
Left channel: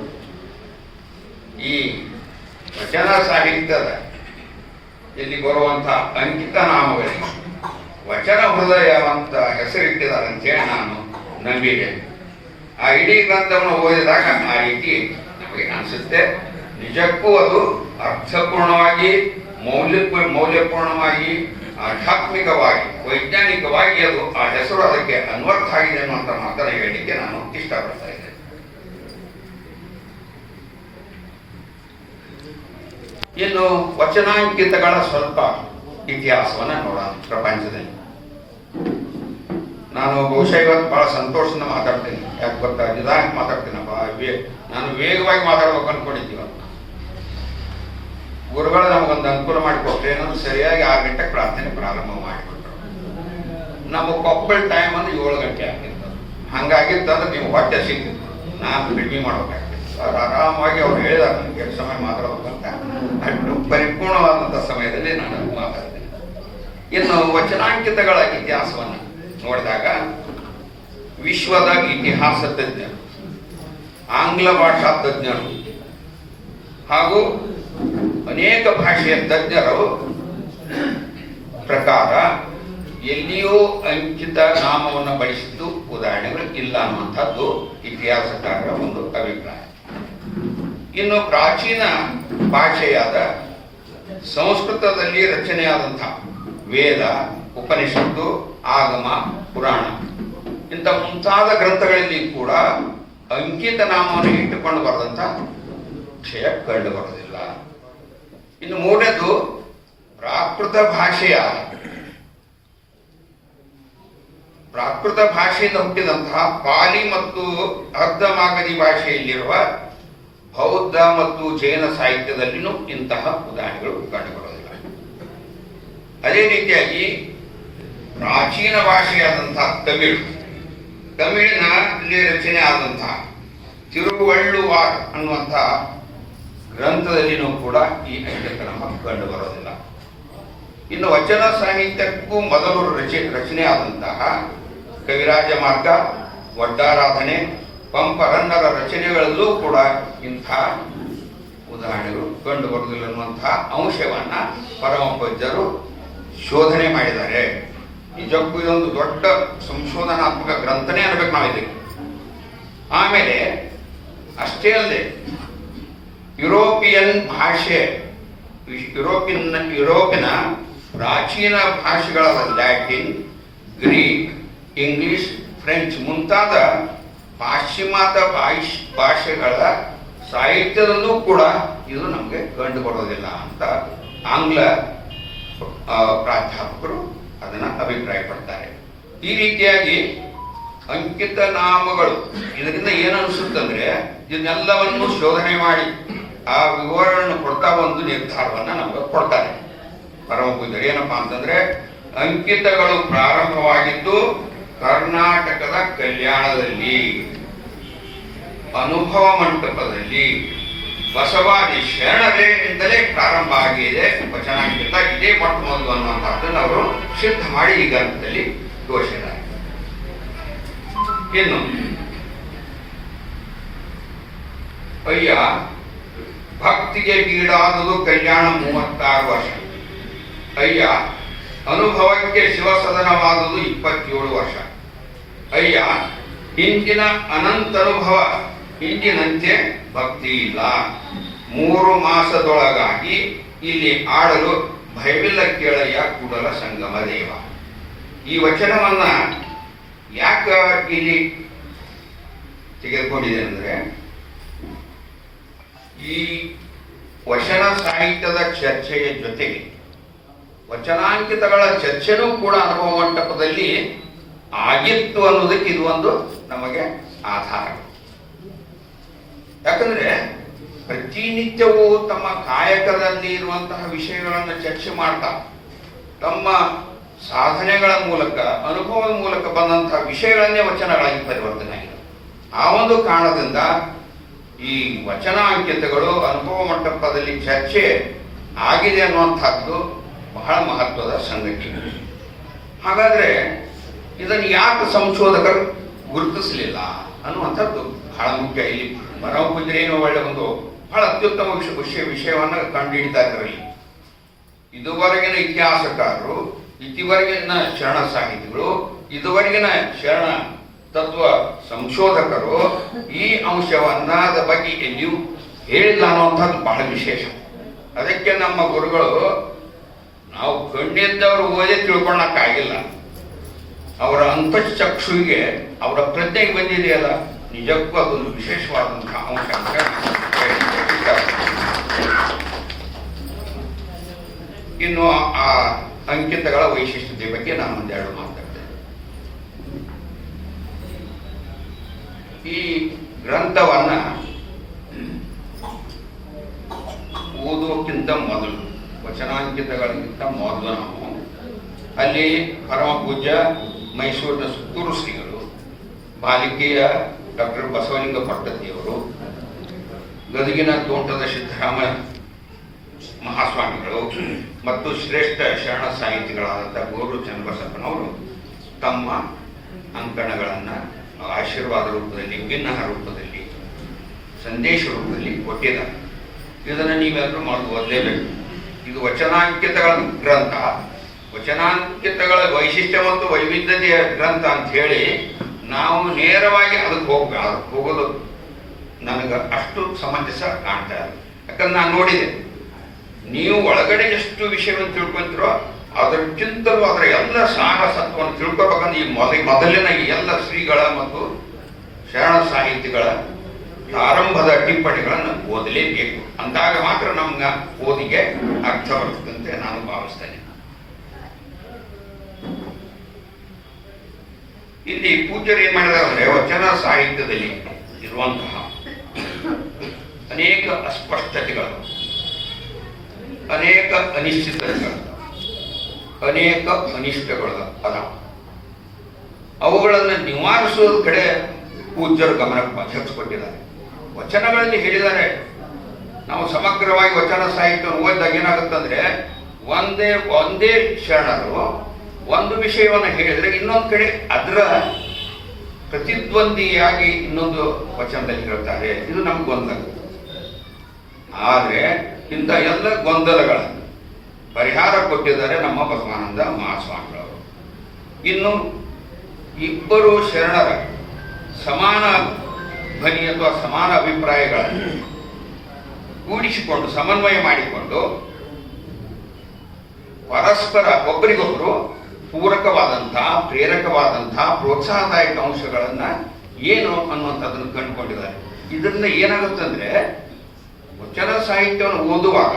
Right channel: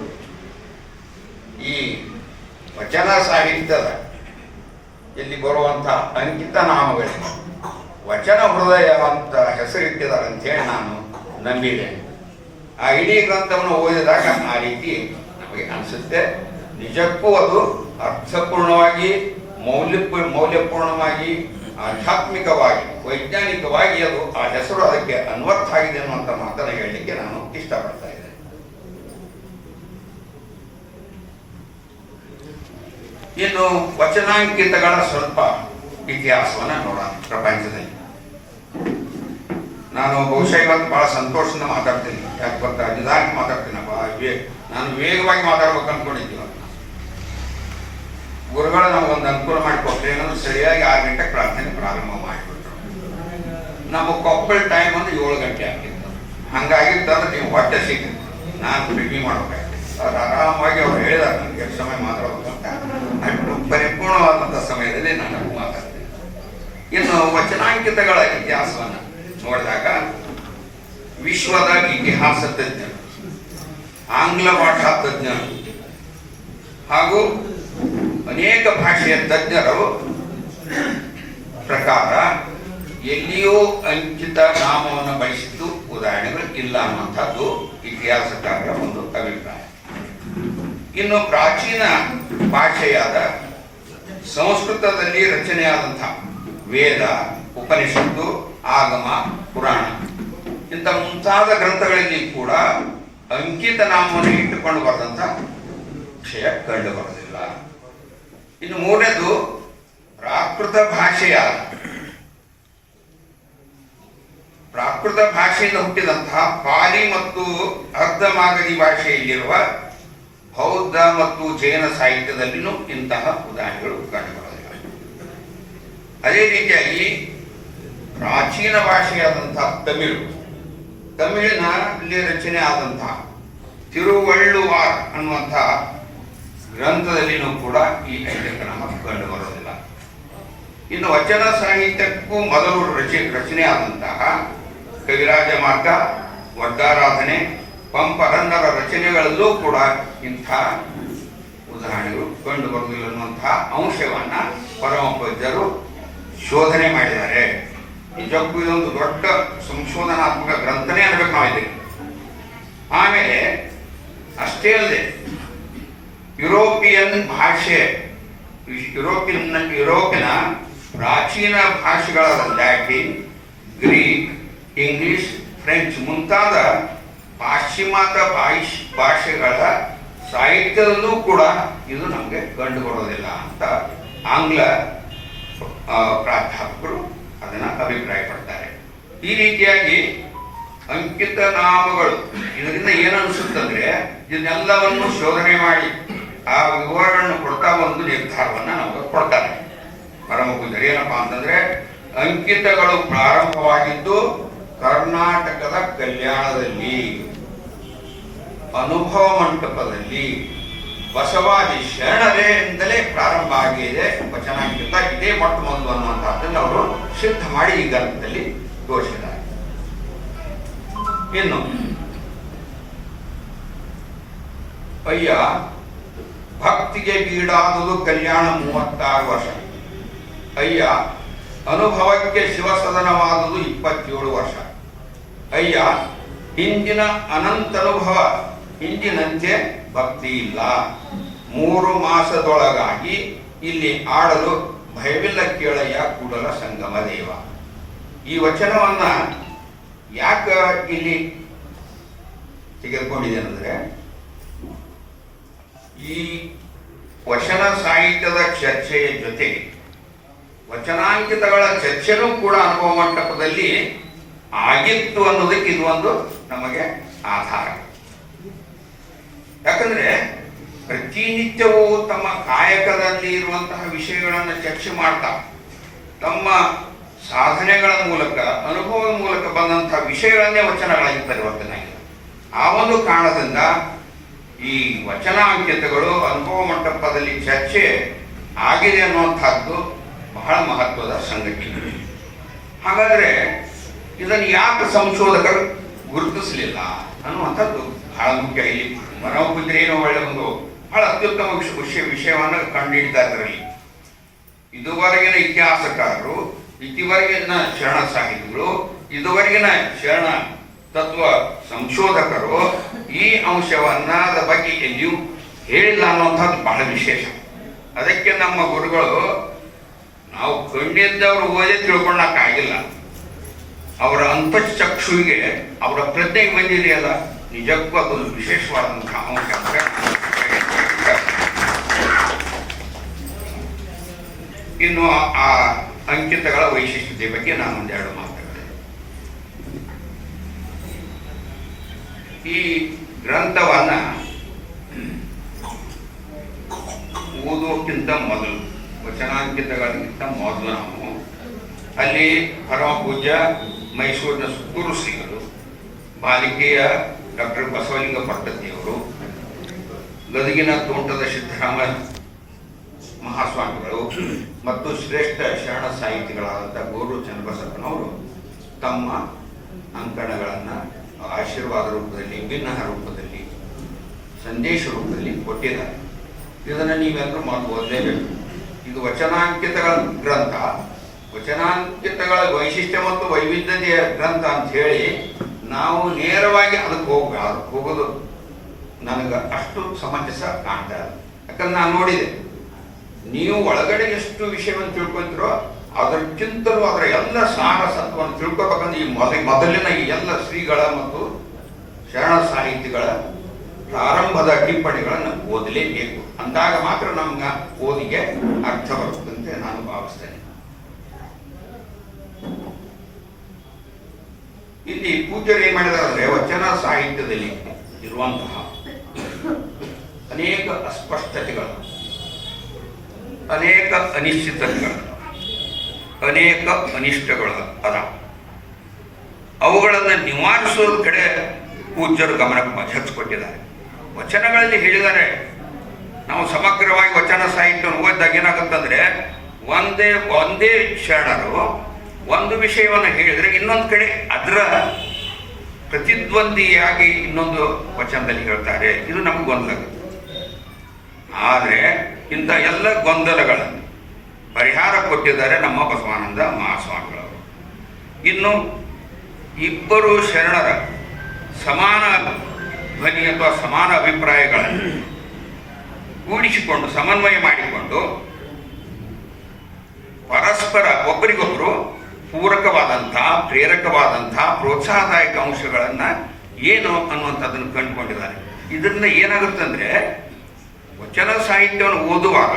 ಈ ವಚನ ಸಾಹಿತ್ಯದ ಇಲ್ಲಿ ಬರುವಂಥ ಅಂಕಿತ ನಾಮಗಳಿಗೆ ವಚನ ಹೃದಯ ಅಂತ ಹೆಸರಿಟ್ಟಿದ್ದಾರೆ ಅಂತೇಳಿ ನಾನು ನಂಬಿದ್ದೇನೆ. ಆ ಇಡೀ ಗ್ರಂಥವನ್ನು ಓದಿದಾಗ ಆ ರೀತಿ ನಮಗೆ ಅನಿಸುತ್ತೆ. ನಿಜಕ್ಕೂ ಅದು ಅರ್ಥಪೂರ್ಣವಾಗಿ ಮೌಲ್ಯಪೂರ್ಣವಾಗಿ ಆಧ್ಯಾತ್ಮಿಕವಾಗಿ ವೈಜ್ಞಾನಿಕವಾಗಿ ಅದು ಆ ಹೆಸರು ಅದಕ್ಕೆ ಅನ್ವರ್ಥ ಆಗಿದೆ ಅನ್ನುವಂಥ ಮಾತನ್ನು ಹೇಳಲಿಕ್ಕೆ ನಾನು ಇಷ್ಟಪಡ್ತಾ ಇದ್ದೇನೆ. ಇನ್ನು ವಚನಾಂಕಿತಗಳ ಸ್ವಲ್ಪ ಇತಿಹಾಸವನ್ನು ನೋಡೋಣ. ಪ್ರಪಂಚದಲ್ಲಿ ನಾನು ಬಹುಶಃ ಇವತ್ತು ಬಹಳ ಸಂತೋಷದಿಂದ ಮಾತಾಡ್ತೀನಿ. ಯಾಕೆ ಗೊತ್ತಾ, ನಿಧಾನಕ್ಕೆ ಮಾತಾಡ್ತೀನಪ್ಪ. ನಾನು ವೇಗವಾಗಿ ಮಾತಾಡ್ಬೇಕು ಅನ್ಕೊಂಡಿದ್ದೀವ. ಗುರುಗಳು ನಮಗೊಂದು ಅನುಕೂಲ ಮಾಡಿಕೊಟ್ರೆ ಏನಂದ್ರೆ ಸರಿಯಾಗಿ 6 ಗಂಟೆಗೆ ಪ್ರಾರ್ಥನೆ ಪ್ರಾರಂಭ ಮಾಡಿಬಿಟ್ರು. ನಮ್ಮ ಕೊಪ್ಪಳ ಟೈಮ್ ಅಂದ್ರೆ 7 ಗಂಟೆ ಆಗಿತ್ತು. ಹಂಗಾಗಿತ್ತಂದ್ರೆ ನೀವು ಹೊಟ್ಟೆ ಸಿಗ್ತಿತ್ತು, ನಾನು ರೆಡಿ ಮಾಡ್ಬೇಕಾಗ್ತಿತ್ತು. ಅವ್ರು ಆರಾಮಾಗಿ ಅವ್ರು ಹೇಳಿದಾರೆ ನನಗೆ ಎಷ್ಟು ಸಮಯ ಮಾತಾಡ್ಬೇಕಂತ, ಅಷ್ಟು ಪರಿಪೂರ್ಣವಾದಂಥ ಸಮಯದಲ್ಲಿ ನಾನು ಮಾತಾಡ್ತೀನಿ. ಇನ್ನು ವಚನಾಂಕಿತಗಳ ಇತಿಹಾಸವನ್ನು ನೋಡಿದಾಗ ವಿಶ್ವದ ಇತಿಹಾಸ ತಜ್ಞರು, ಆಂಗ್ಲ ಭಾಷಾ ತಜ್ಞರು ಹಾಗೂ ಅನೇಕ ಭಾಷೆಯ ತಜ್ಞರು ಪ್ರಕಾರ ಎಲ್ಲಿಯೂ ಅಂಕಿತ ನಾಮವನ್ನು ಬಳಸಿದ್ದು ಉದಾಹರಣೆಗಳು ಇಲ್ಲ ಅನ್ನುವಂಥದ್ದು ಇತಿಹಾಸಕಾರರ ಒಂದು ಅಭಿಪ್ರಾಯ. ಇನ್ನು ಪ್ರಾಚೀನ ಭಾಷೆಯಾದ ಸಂಸ್ಕೃತದಲ್ಲಿ ರಚನೆಯಾದಂತಹ ವೇದ, ಉಪನಿಷತ್ತು, ಆಗಮ, ಪುರಾಣ ಇಂಥ ಮುಂತಾದ ಗ್ರಂಥಗಳಲ್ಲಿ ಕೂಡ ಅಂಕಿತ ನಾಮವನ್ನು ಇಟ್ಟುಕೊಂಡು ಬರೆದಂಥ ವಿಷಯ ಕಂಡು ಬರೋದಿಲ್ಲ. ಇನ್ನು ಮೂರನೇದು ಪ್ರಾಕೃತ ಭಾಷೆಯಿಂದ ಹುಟ್ಟಿದಂತಹ ಪಾಲಿ ಮತ್ತು ಅರ್ಧಮಾಗಧಿ ಭಾಷೆಯಲ್ಲಿರುವ ಬೌದ್ಧ ಮತ್ತು ಜೈನ ಸಾಹಿತ್ಯದಲ್ಲಿನೂ ಇಂತಹ ಉದಾಹರಣೆಗಳು ಕಂಡುಬರೋದಿಲ್ಲ. ಅದೇ ರೀತಿಯಾಗಿ ಪ್ರಾಚೀನ ಭಾಷೆಯಾದಂತಹ ತಮಿಳಿನಲ್ಲಿ ರಚನೆ ಆದಂತಹ ತಿರುವಳ್ಳುವಾರ್ ಅನ್ನುವಂತಹ ಗ್ರಂಥದಲ್ಲಿನೂ ಕೂಡ ಈ ಅಂಕಿತನಾಮ ಕಂಡು ಬರೋದಿಲ್ಲ. ಇನ್ನು ವಚನ ಸಾಹಿತ್ಯಕ್ಕೂ ಮೊದಲು ರಚನೆಯಾದಂತಹ ಕವಿರಾಜ ಮಾರ್ಗ, ಒಡ್ಡಾರಾಧನೆ, ಪಂಪರನ್ನರ ರಚನೆಗಳಲ್ಲೂ ಕೂಡ ಇಂಥ ಉದಾಹರಣೆಗಳು ಕಂಡು ಬರುವುದಿಲ್ಲ ಅನ್ನುವಂತಹ ಅಂಶವನ್ನ ಪರಮ ಪೂಜ್ಯರು ಶೋಧನೆ ಮಾಡಿದ್ದಾರೆ. ನಿಜಕ್ಕೂ ಇದೊಂದು ದೊಡ್ಡ ಸಂಶೋಧನಾತ್ಮಕ ಗ್ರಂಥನೇ ಅನ್ಬೇಕು ನಾವಿದ್ದೀವಿ. ಆಮೇಲೆ ಅಷ್ಟೇ ಅಲ್ಲದೆ ಯುರೋಪಿನ ಪ್ರಾಚೀನ ಭಾಷೆಗಳಾದ ಲ್ಯಾಟಿನ್, ಗ್ರೀಕ್, ಇಂಗ್ಲಿಷ್, ಫ್ರೆಂಚ್ ಮುಂತಾದ ಪಾಶ್ಚಿಮಾತ್ಯ ಭಾಷೆಗಳ ಸಾಹಿತ್ಯದಲ್ಲೂ ಕೂಡ ಇದು ನಮಗೆ ಕಂಡು ಬರೋದಿಲ್ಲ ಅಂತ ಆಂಗ್ಲ ಪ್ರಾಧ್ಯಾಪಕರು ಅದನ್ನ ಅಭಿಪ್ರಾಯಪಡ್ತಾರೆ. ಈ ರೀತಿಯಾಗಿ ಅಂಕಿತ ನಾಮಗಳು ಇದರಿಂದ ಏನನ್ಸುತ್ತಂದ್ರೆ ಇದನ್ನೆಲ್ಲವನ್ನು ಶೋಧನೆ ಮಾಡಿ ಆ ವಿವರಣೆಯನ್ನು ಕೊಡ್ತಾ ಒಂದು ನಿರ್ಧಾರವನ್ನ ನಮಗೆ ಕೊಡ್ತಾರೆ ಪರಮ ಪೂಜ್ಯರು. ಏನಪ್ಪಾ ಅಂತಂದ್ರೆ ಅಂಕಿತಗಳು ಪ್ರಾರಂಭವಾಗಿದ್ದು ಕರ್ನಾಟಕದ ಕಲ್ಯಾಣದಲ್ಲಿ, ಅನುಭವ ಮಂಟಪದಲ್ಲಿ ಬಸವಾದಿ ಶರಣರಿಂದಲೇ ಪ್ರಾರಂಭ ಆಗಿದೆ ವಚನಾಂಕಿತ. ಇದೇ ಮೊಟ್ಟ ಮೊದಲು ಅನ್ನುವಂಥದ್ದನ್ನು ಅವರು ಸಿದ್ಧ ಮಾಡಿ ಈ ಗ್ರಂಥದಲ್ಲಿ ತೋರಿಸಿದ್ದಾರೆ. ಇನ್ನು ಅಯ್ಯ ಭಕ್ತಿಗೆ ಗೀಡಾದುದು ಕಲ್ಯಾಣ 36 ವರ್ಷ. ಅಯ್ಯ ಅನುಭವಕ್ಕೆ ಶಿವಸದನವಾದುದು 27 ವರ್ಷ. ಅಯ್ಯ ಹಿಂದಿನ ಅನಂತನುಭವ ಹಿಂದಿನಂತೆ ಭಕ್ತಿ ಇಲ್ಲ. 3 ಮಾಸದೊಳಗಾಗಿ ಇಲ್ಲಿ ಆಡಲು ಭಯವಿಲ್ಲ ಕೇಳಯ್ಯ ಕೂಡಲ ಸಂಗಮ ದೇವ. ಈ ವಚನವನ್ನ ಯಾಕೆ ಇಲ್ಲಿ ತೆಗೆದುಕೊಂಡಿದೆ ಅಂದ್ರೆ ಈ ವಚನ ಸಾಹಿತ್ಯದ ಚರ್ಚೆಯ ಜೊತೆಗೆ ವಚನಾಂಕಿತಗಳ ಚರ್ಚೆನೂ ಕೂಡ ಅನುಭವ ಮಂಟಪದಲ್ಲಿ ಆಗಿತ್ತು ಅನ್ನೋದಕ್ಕೆ ಇದು ಒಂದು ನಮಗೆ ಆಧಾರ. ಯಾಕಂದ್ರೆ ಪ್ರತಿನಿತ್ಯವೂ ತಮ್ಮ ಕಾಯಕದಲ್ಲಿ ಇರುವಂತಹ ವಿಷಯಗಳನ್ನು ಚರ್ಚೆ ಮಾಡ್ತಾ ತಮ್ಮ ಸಾಧನೆಗಳ ಮೂಲಕ ಅನುಭವದ ಮೂಲಕ ಬಂದಂತಹ ವಿಷಯಗಳನ್ನೇ ವಚನಗಳಾಗಿ ಪರಿವರ್ತನೆ ಆಗಿದೆ. ಆ ಒಂದು ಕಾರಣದಿಂದ ಈ ವಚನಾಂಕಿತಗಳು ಅನುಭವ ಮಂಟಪದಲ್ಲಿ ಚರ್ಚೆ ಆಗಿದೆ ಅನ್ನುವಂಥದ್ದು ಬಹಳ ಮಹತ್ವದ ಸಂಗತಿ. ಹಾಗಾದ್ರೆ ಇದನ್ನು ಯಾಕೆ ಸಂಶೋಧಕರು ಗುರುತಿಸಲಿಲ್ಲ ಅನ್ನುವಂಥದ್ದು ಬಹಳ ಮುಖ್ಯ. ಇಲ್ಲಿ ಪರಮ ಪೂಜ್ಯರೇನು ಒಳ್ಳೆ ಒಂದು ಬಹಳ ಅತ್ಯುತ್ತಮ ವಿಷಯವನ್ನು ಕಂಡುಹಿಡಿತಾ ಇದ್ರಲ್ಲಿ. ಇದುವರೆಗಿನ ಇತಿಹಾಸಕಾರರು, ಇದುವರೆಗಿನ ಶರಣ ಸಾಹಿತಿಗಳು, ಇದುವರೆಗಿನ ಶರಣ ತತ್ವ ಸಂಶೋಧಕರು ಈ ಅಂಶವನ್ನ ಬಗ್ಗೆ ಎಲ್ಲಿಯೂ ಹೇಳಿಲ್ಲ ಅನ್ನುವಂಥದ್ದು ಬಹಳ ವಿಶೇಷ. ಅದಕ್ಕೆ ನಮ್ಮ ಗುರುಗಳು ನಾವು ಕಂಡಿದ್ದವರು ಓದಿ ತಿಳ್ಕೊಳ್ಳಕ್ಕಾಗಿಲ್ಲ, ಅವರ ಅಂತಃಚಕ್ಷುವಿಗೆ ಅವರ ಪ್ರಜ್ಞೆಗೆ ಬಂದಿದೆಯಲ್ಲ, ನಿಜಕ್ಕೂ ಅದೊಂದು ವಿಶೇಷವಾದಂತಹ ಅಂಶ. ಇನ್ನು ಆ ಅಂಕಿತಗಳ ವೈಶಿಷ್ಟ್ಯತೆ ಬಗ್ಗೆ ನಾನು ಒಂದೆರಡು ಮಾತಾಡ್ತೇನೆ. ಈ ಗ್ರಂಥವನ್ನ ಓದೋಕ್ಕಿಂತ ಮೊದಲು, ವಚನಾಂಕಿತಗಳಿಗಿಂತ ಮೊದಲು ನಾವು ಅಲ್ಲಿ ಪರಮ ಪೂಜ್ಯ ಮೈಸೂರಿನ ಸುತ್ತೂರು ಶ್ರೀಗಳು, ಬಾಲಿಕೆಯ ಡಾಕ್ಟರ್ ಬಸವಲಿಂಗ ಪಟ್ಟತಿಯವರು, ಗದಗಿನ ತೋಟದ ಸಿದ್ದರಾಮ ಮಹಾಸ್ವಾಮಿಗಳು ಮತ್ತು ಶ್ರೇಷ್ಠ ಶರಣ ಸಾಹಿತಿಗಳಾದಂಥ ಗೋರು ಚನ್ನಬಸಪ್ಪನವರು ತಮ್ಮ ಅಂಕಣಗಳನ್ನು ಆಶೀರ್ವಾದ ರೂಪದಲ್ಲಿ, ಭಿನ್ನ ರೂಪದಲ್ಲಿ, ಸಂದೇಶ ರೂಪದಲ್ಲಿ ಕೊಟ್ಟಿದ್ದಾರೆ. ಇದನ್ನು ನೀವೆಲ್ಲರೂ ಓದಲೇಬೇಕು. ಇದು ವಚನಾಂಕಿತಗಳ ಗ್ರಂಥ, ವಚನಾಂಕಿತಗಳ ವೈಶಿಷ್ಟ್ಯ ಮತ್ತು ವೈವಿಧ್ಯತೆಯ ಗ್ರಂಥ ಅಂತ ಹೇಳಿ ನಾವು ನೇರವಾಗಿ ಅದಕ್ಕೆ ಹೋಗೋದು ನನಗೆ ಅಷ್ಟು ಸಮಂಜಸ ಕಾಣ್ತಾ ಇಲ್ಲ. ಯಾಕಂದ್ರೆ ನಾನು ನೋಡಿದೆ, ನೀವು ಒಳಗಡೆ ಎಷ್ಟು ವಿಷಯವನ್ನು ತಿಳ್ಕೊಂತೀರೋ ಅದಕ್ಕಿಂತಲೂ ಅದರ ಎಲ್ಲ ಸಾರ ಸತ್ವವನ್ನು ತಿಳ್ಕೊಬೇಕಂದ್ರೆ ಈ ಮೊದಲಿನ ಈ ಎಲ್ಲ ಶ್ರೀಗಳ ಮತ್ತು ಶರಣ ಸಾಹಿತಿಗಳ ಪ್ರಾರಂಭದ ಟಿಪ್ಪಣಿಗಳನ್ನು ಓದಲೇಬೇಕು. ಅಂದಾಗ ಮಾತ್ರ ನಮ್ಗೆ ಓದಿಗೆ ಅರ್ಥ ಬರುತ್ತಂತೆ ನಾನು ಭಾವಿಸ್ತೇನೆ. ಇಲ್ಲಿ ಪೂಜ್ಯರು ಏನ್ ಮಾಡಿದಾರೆ ಅಂದ್ರೆ, ವಚನ ಸಾಹಿತ್ಯದಲ್ಲಿ ಇರುವಂತಹ ಅನೇಕ ಅಸ್ಪಷ್ಟತೆಗಳು, ಅನೇಕ ಅನಿಶ್ಚಿತತೆಗಳು, ಅನೇಕ ಅನಿಷ್ಟಗಳು ಅದ. ಅವುಗಳನ್ನು ನಿವಾರಿಸೋದ ಕಡೆ ಪೂಜ್ಯರು ಗಮನ ಹಚ್ಚಿಕೊಟ್ಟಿದ್ದಾರೆ. ವಚನಗಳಲ್ಲಿ ಹೇಳಿದ್ದಾರೆ, ನಾವು ಸಮಗ್ರವಾಗಿ ವಚನ ಸಾಹಿತ್ಯವನ್ನು ಓದಿದಾಗ ಏನಾಗುತ್ತಂದ್ರೆ, ಒಂದೇ ಶರಣರು ಒಂದು ವಿಷಯವನ್ನು ಹೇಳಿದರೆ ಇನ್ನೊಂದು ಕಡೆ ಅದರ ಪ್ರತಿದ್ವಂದಿಯಾಗಿ ಇನ್ನೊಂದು ವಚನದಲ್ಲಿ ಹೇಳ್ತಾರೆ. ಇದು ನಮ್ಗೆ ಗೊಂದಲ. ಆದರೆ ಇಂಥ ಎಲ್ಲ ಗೊಂದಲಗಳನ್ನು ಪರಿಹಾರ ಕೊಟ್ಟಿದ್ದಾರೆ ನಮ್ಮ ಬಸವಾನಂದ ಮಹಾಸ್ವಾಮಿಗಳವರು. ಇನ್ನು ಇಬ್ಬರು ಶರಣರ ಸಮಾನ ಧ್ವನಿ ಅಥವಾ ಸಮಾನ ಅಭಿಪ್ರಾಯಗಳನ್ನು ಕೂಡಿಸಿಕೊಂಡು ಸಮನ್ವಯ ಮಾಡಿಕೊಂಡು ಪರಸ್ಪರ ಒಬ್ಬರಿಗೊಬ್ಬರು ಪೂರಕವಾದಂತಹ, ಪ್ರೇರಕವಾದಂತಹ, ಪ್ರೋತ್ಸಾಹದಾಯಕ ಅಂಶಗಳನ್ನು ಏನು ಅನ್ನುವಂಥದ್ದನ್ನು ಕಂಡುಕೊಂಡಿದ್ದಾರೆ. ಇದರಿಂದ ಏನಾಗುತ್ತಂದ್ರೆ, ವಚನ ಸಾಹಿತ್ಯವನ್ನು ಓದುವಾಗ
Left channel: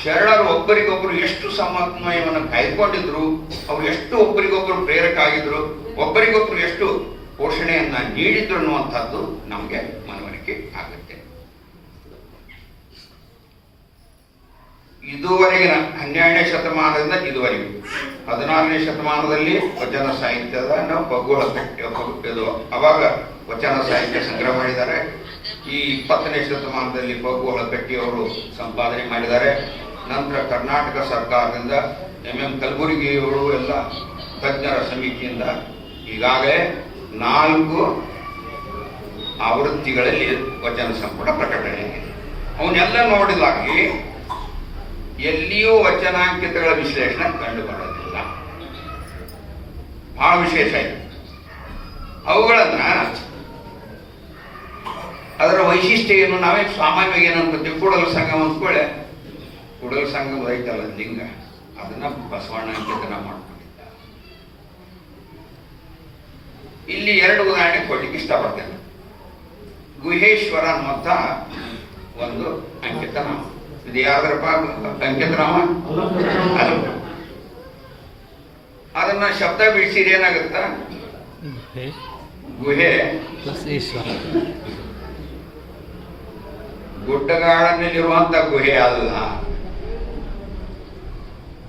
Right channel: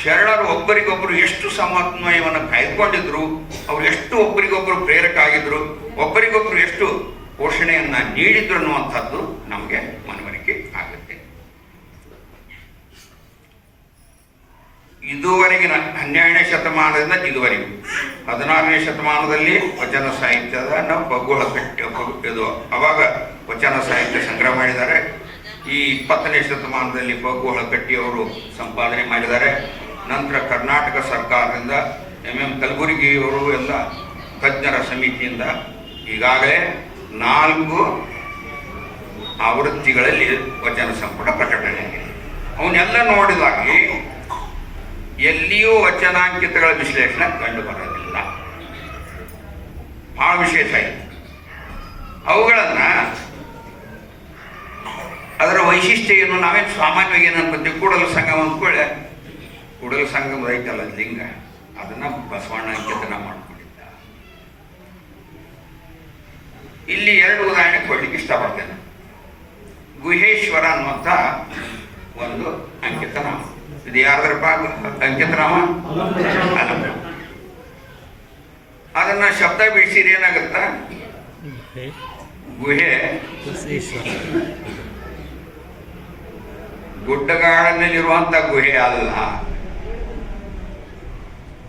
ಶರಣರು ಒಬ್ಬರಿಗೊಬ್ಬರು ಎಷ್ಟು ಸಮನ್ವಯವನ್ನು ಕಾಯ್ದುಕೊಂಡಿದ್ರು, ಅವರು ಎಷ್ಟು ಒಬ್ಬರಿಗೊಬ್ಬರು ಪ್ರೇರಕ ಆಗಿದ್ರು, ಒಬ್ಬರಿಗೊಬ್ಬರು ಎಷ್ಟು ಪೋಷಣೆಯನ್ನ ನೀಡಿದ್ರು ಅನ್ನುವಂಥದ್ದು ನಮಗೆ ಮನವರಿಕೆ ಆಗುತ್ತೆ. ಇದುವರೆಗಿನ 12ನೇ ಶತಮಾನದಿಂದ ಇದುವರೆಗೂ 16ನೇ ಶತಮಾನದಲ್ಲಿ ವಚನ ಸಾಹಿತ್ಯದ ನಾವು ಬಗ್ಗುಳ ಇದು ಅವಾಗ ವಚನ ಸಾಹಿತ್ಯ ಸಂಗ್ರಹ ಮಾಡಿದ್ದಾರೆ. ಈ 20ನೇ ಶತಮಾನದಲ್ಲಿ ಬಗ್ಗುಳ ಕಟ್ಟಿಯವರು ಸಂಪಾದನೆ ಮಾಡಿದ್ದಾರೆ. ನಂತರ ಕರ್ನಾಟಕ ಸರ್ಕಾರದಿಂದ MM ಕಲಬುರ್ಗಿಯವರು ಎಲ್ಲ ತಜ್ಞರ ಸಮಿತಿಯಿಂದ ಈಗಾಗಲೇ 4 ಆವೃತ್ತಿಗಳಲ್ಲಿ ವಚನ ಸಂಪುಟ ಪ್ರಕಟಣೆಯಾಗಿದೆ. ಅವನ್ನೆಲ್ಲ ನೋಡಿದಾಗಿ ಎಲ್ಲಿಯೂ ವಚನಾಂಕಿತಗಳ ವಿಶ್ಲೇಷಣೆ ಕಂಡು ಬರೋದಿಲ್ಲ. ಬಹಳ ವಿಶೇಷ ಇದೆ. ಅವುಗಳನ್ನ ಅದರ ವೈಶಿಷ್ಟ್ಯ ಏನು, ನಾವೇನು ಸಾಮಾನ್ಯವಾಗಿ ಏನು ಅನ್ಕೊತೀವಿ, ಕೂಡಲ ಸಂಗಮ ಅಂದ್ಕೊಳ್ಳೆ, ಕೂಡಲ ಸಂಗಮ ಐತಲ್ಲ ಲಿಂಗ, ಅದನ್ನ ಬಸವಣ್ಣ ಅಂಕಿತನ ಮಾಡ್ಕೊಂಡಿದ್ದ. ಇಲ್ಲಿ 2 ಉದಾಹರಣೆ ಕೊಡ್ಲಿಕ್ಕೆ ಇಷ್ಟಪಡ್ತೇನೆ. ಗುಹೇಶ್ವರ ಅನ್ನುವಂಥ ಒಂದು ಅಂಕಿತನಾಮ. ಇದು ಯಾರದರಪ್ಪ ಅಂಕಿತನಾಮ? ಅದನ್ನ ಶಬ್ದ ಬಿಡಿಸಿದ್ರೆ ಏನಾಗುತ್ತ? ಗುಹೆ ಗುಡ್ಡಗಾಡನಲ್ಲಿರುವಂತ ಗುಹೆ ಅಲ್ಲ,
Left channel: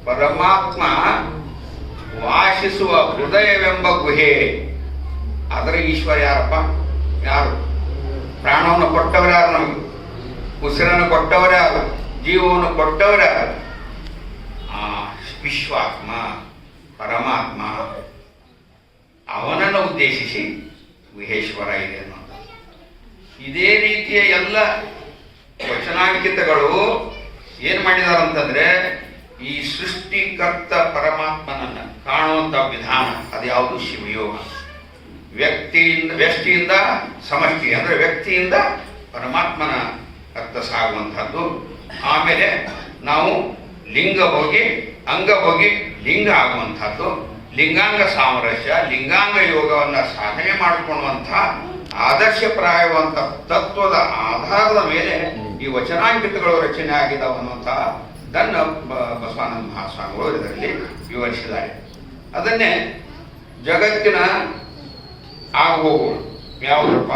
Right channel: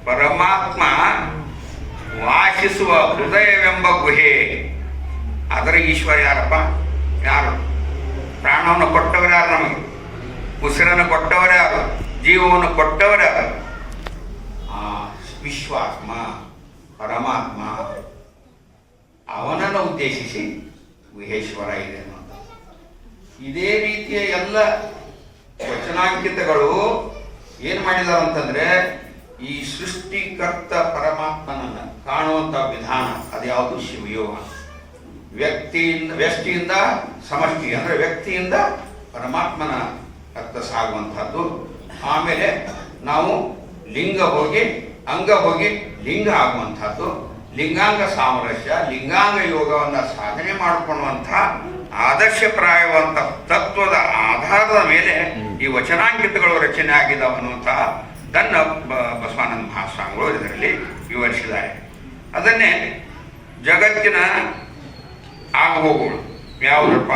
ಪರಮಾತ್ಮ ವಾಸಿಸುವ ಹೃದಯವೆಂಬ ಗುಹೆ. ಅದರ ಈಶ್ವರ ಯಾರಪ್ಪ? ಯಾರು? ಪ್ರಾಣವನ್ನು ಕೊಟ್ಟವರು ಯಾರು? ನಮಗೆ ಉಸಿರನ್ನು ಕೊಟ್ಟವರು ಯಾರು? ಜೀವವನ್ನು ಕೊಟ್ಟವರು ಯಾರು? ವಿಶ್ವಾತ್ಮ ಪರಮಾತ್ಮ. ಅವನನ್ನು ಉದ್ದೇಶಿಸಿ ಗುಹೇಶ್ವರ ಇದೆ ಅನ್ನೋದು. ಇದೇ ರೀತಿಯ ಎಲ್ಲ ವಚನಾಂಕಿತಗಳು ಏನ್ ಮಾಡಿದಾರ ಅಂತಂದ್ರೆ, ಈ ಸೃಷ್ಟಿಕರ್ತ ಪರಮಾತ್ಮನನ್ನ ಕಾಣುವಂತ ವಿಧಾನ ಅದು ಯಾವುದು? ಶಿವಯೋಗ. ವ್ಯಕ್ತಿಯಿಂದ ಸಮಷ್ಟಿ ಅಂದ್ರೆ ವ್ಯಕ್ತಿಯಿಂದ ಪರಮಾತ್ಮನ ಅರ್ಥ ಸಾಗುವಂತಹದ್ದು. ಆಮೇಲೆ ನಾವು ಲಿಂಗ ಹೋಗಿ ಅಂಗ ಹೋಗಿ ಲಿಂಗ ಆಗುವಂತಹದ್ದು. ಲಿಂಗಾಂಗ ಸಾಮರಸ್ಯ, ಲಿಂಗಾಂಗ ಯೋಗವನ್ನ ಸಾಧನೆ ಮಾಡಿಕೊಳ್ಳುವಂತಹ ಆದರ್ಶಪ್ರಾಯವಂತ ತತ್ವದ ಆಧಾರದ ಮೇಲೆ ಈ ವಚನಾಂಕಿತಗಳು ರಚನೆ ಆಗಿದ್ದಾವೆ ಅನ್ನುವಂತಹ ದನ್ನ ಬಸವಾನಂದ ಮಹಾಸ್ವಾಮಿಗಳು ಇದರಲ್ಲಿ ವಿವರಿಸಿದ್ದಾರೆ. ಅದನ್ನೇ ಜಗತ್ತಿನ ಆಗುಹೋಗುಗಳು ಯಾವುದಪ್ಪ?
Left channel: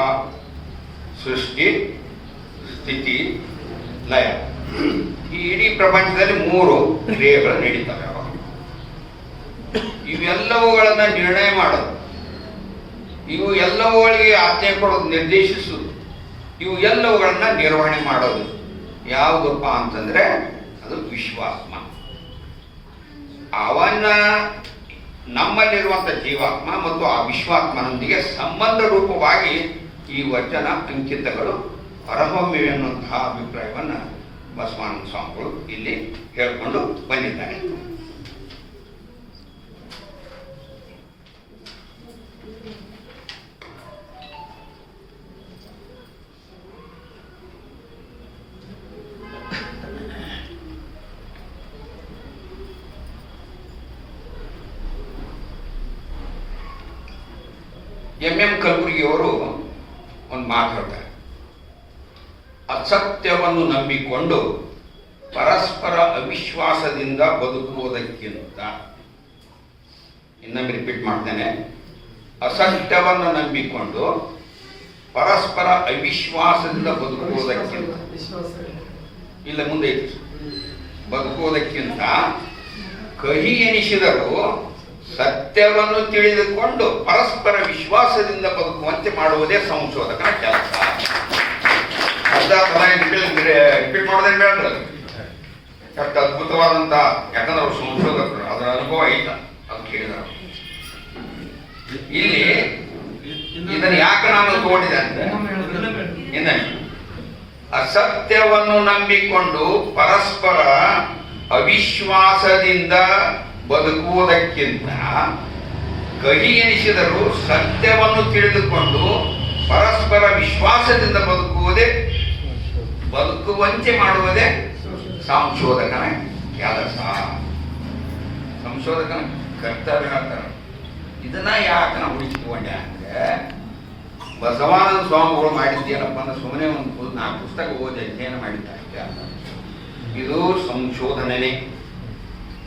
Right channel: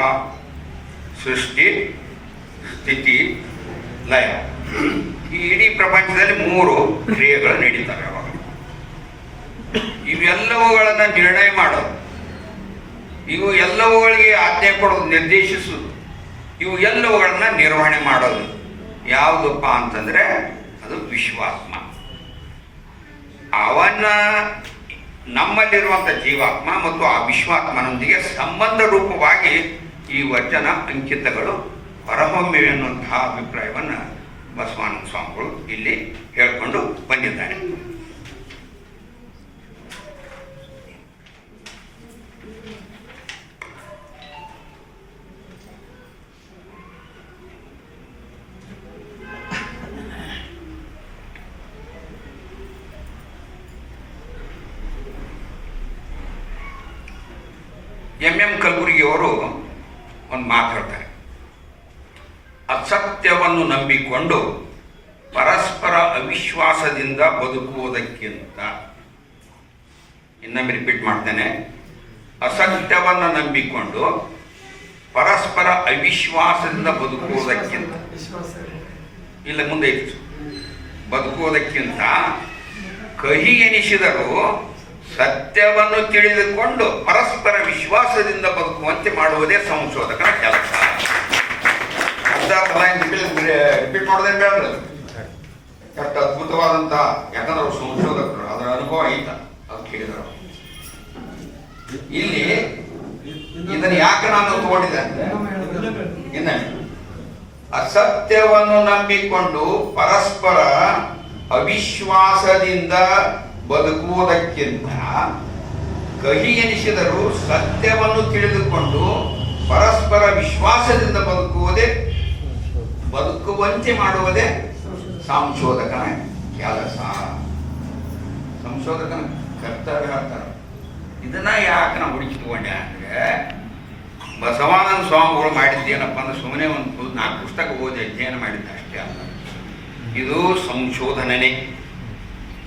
ಸೃಷ್ಟಿ, ಸ್ಥಿತಿ, ಲಯ. ಈ ಇಡೀ ಪ್ರಪಂಚದಲ್ಲಿ 3 ಕ್ರಿಯೆಗಳು ನಡೀತವೆ ಅವಾಗ. ಇವೆಲ್ಲವುಗಳನ್ನ ನಿರ್ಣಯ ಮಾಡೋದು, ಇವು ಎಲ್ಲವುಗಳಿಗೆ ಆಜ್ಞೆ ಕೊಡೋದು, ನಿರ್ದೇಶಿಸೋದು, ಇವು ಎಲ್ಲವುಗಳನ್ನ ನಿರ್ವಹಣೆ ಮಾಡೋದು ಯಾವುದಪ್ಪ ಅಂತಂದ್ರೆ ಅದು ವಿಶ್ವಾತ್ಮ. ಅವನ ನಮ್ಮಲ್ಲಿರುವಂಥ ಜೀವಾತ್ಮ ಮತ್ತು ಆ ವಿಶ್ವಾತ್ಮನೊಂದಿಗೆ ಸಂಬಂಧ ರೂಪವಾಗಿ ಈ ವಚನ ಅಂಕಿತಗಳು ಹೊರಹೊಮ್ಮಿವೆ ಎನ್ನುವಂತಹ ಅಭಿಪ್ರಾಯವನ್ನು ಬಸವಾನಂದ ಸ್ವಾಮಿಗಳು ಇಲ್ಲಿ ಹೇಳಿಕೊಂಡು ಬಂದಿದ್ದಾರೆ. ಎಂ ಕಲಬುರ್ಗಿಯವರು ಒಂದು ಮಾತು ಹೇಳ್ತಾರೆ, ಅಸತ್ಯವನ್ನು ನಂಬಿಕೊಂಡು ಪರಸ್ಪರ ಅವಿಶ್ವಾಸದಿಂದ ಬದುಕುವುದಕ್ಕಿಂತ, ಇನ್ನೊಮ್ಮೆ ರಿಪೀಟ್ ಮಾಡ್ತೇನೆ, ಅಸತ್ಯವನ್ನು ನಂಬಿಕೊಂಡು ಪರಸ್ಪರ ಅವಿಶ್ವಾಸದಿಂದ ಬದುಕುವುದಕ್ಕಿಂತ, ಇಲ್ಲ ಮುಂದೆ ಬದುಕುವುದಕ್ಕಿಂತ ಕಹಿ ಎನಿಸಿದರೂ ಸತ್ಯವನ್ನು ತಿಳಿದುಕೊಂಡು ಪರಸ್ಪರ ವಿಶ್ವಾಸದಿಂದ ಬದುಕುವಂತೆ ಮಾಡುವುದೇ ಸಂಶೋಧಕನ ಕೆಲಸ. ರಿಪೀಟ್ ಮಾಡೋದಂಗೆ ಹೇಳಲ್ಲ, ಎಷ್ಟು ಅದ್ಭುತವಾದಂತ, ಯಾಕಂದ್ರೆ ಅವ್ರು ಸಂಶೋಧಕರು, ಅದರ ಅನುಭವ ಐತ ಅಂತ ಕೇಳಿದ್ರು. ಇಲ್ಲಿ ಇದನ್ನು ಯಾಕೆ ನಾನು ತಗೊಂಡಿದ್ದೆ ಅಂದ್ರೆ, ಇನ್ನ ಅಸತ್ಯವನ್ನು ನಂಬಿಕೊಂಡು ಪರಸ್ಪರ ಅವಿಶ್ವಾಸದಿಂದ ಬದುಕುವುದಕ್ಕಿಂತ ಕಹಿ ಎನಿಸಿದರೂ ಸತ್ಯವನ್ನು ತಿಳಿದುಕೊಂಡು ಪರಸ್ಪರ ವಿಶ್ವಾಸದಿಂದ ಬದುಕುವಂತೆ ಮಾಡುವುದೇ ಸಂಶೋಧಕನ ಕೆಲಸ. ಸಂಶೋಧಕನ ಕರ್ತವ್ಯ ಹೇಳ್ತಾರೆ. ಇದನ್ನ ಯಾಕೆ ನಾವು ಹುಡುಕಿಕೊಂಡೆ ಅಂದ್ರೆ, ಬಸವಾನಂದ ಸ್ವಾಮಿಗಳು ಮಾಡಿದ್ದೇನಪ್ಪ ಅಂದ್ರೆ ಸುಮ್ಮನೆ ಒಂದು 4 ಪುಸ್ತಕ ಓದಿ ಅಧ್ಯಯನ ಮಾಡಿದ್ದ ಅಷ್ಟೇ ಅಲ್ಲ, ಇದು ಸಂಶೋಧನೆ.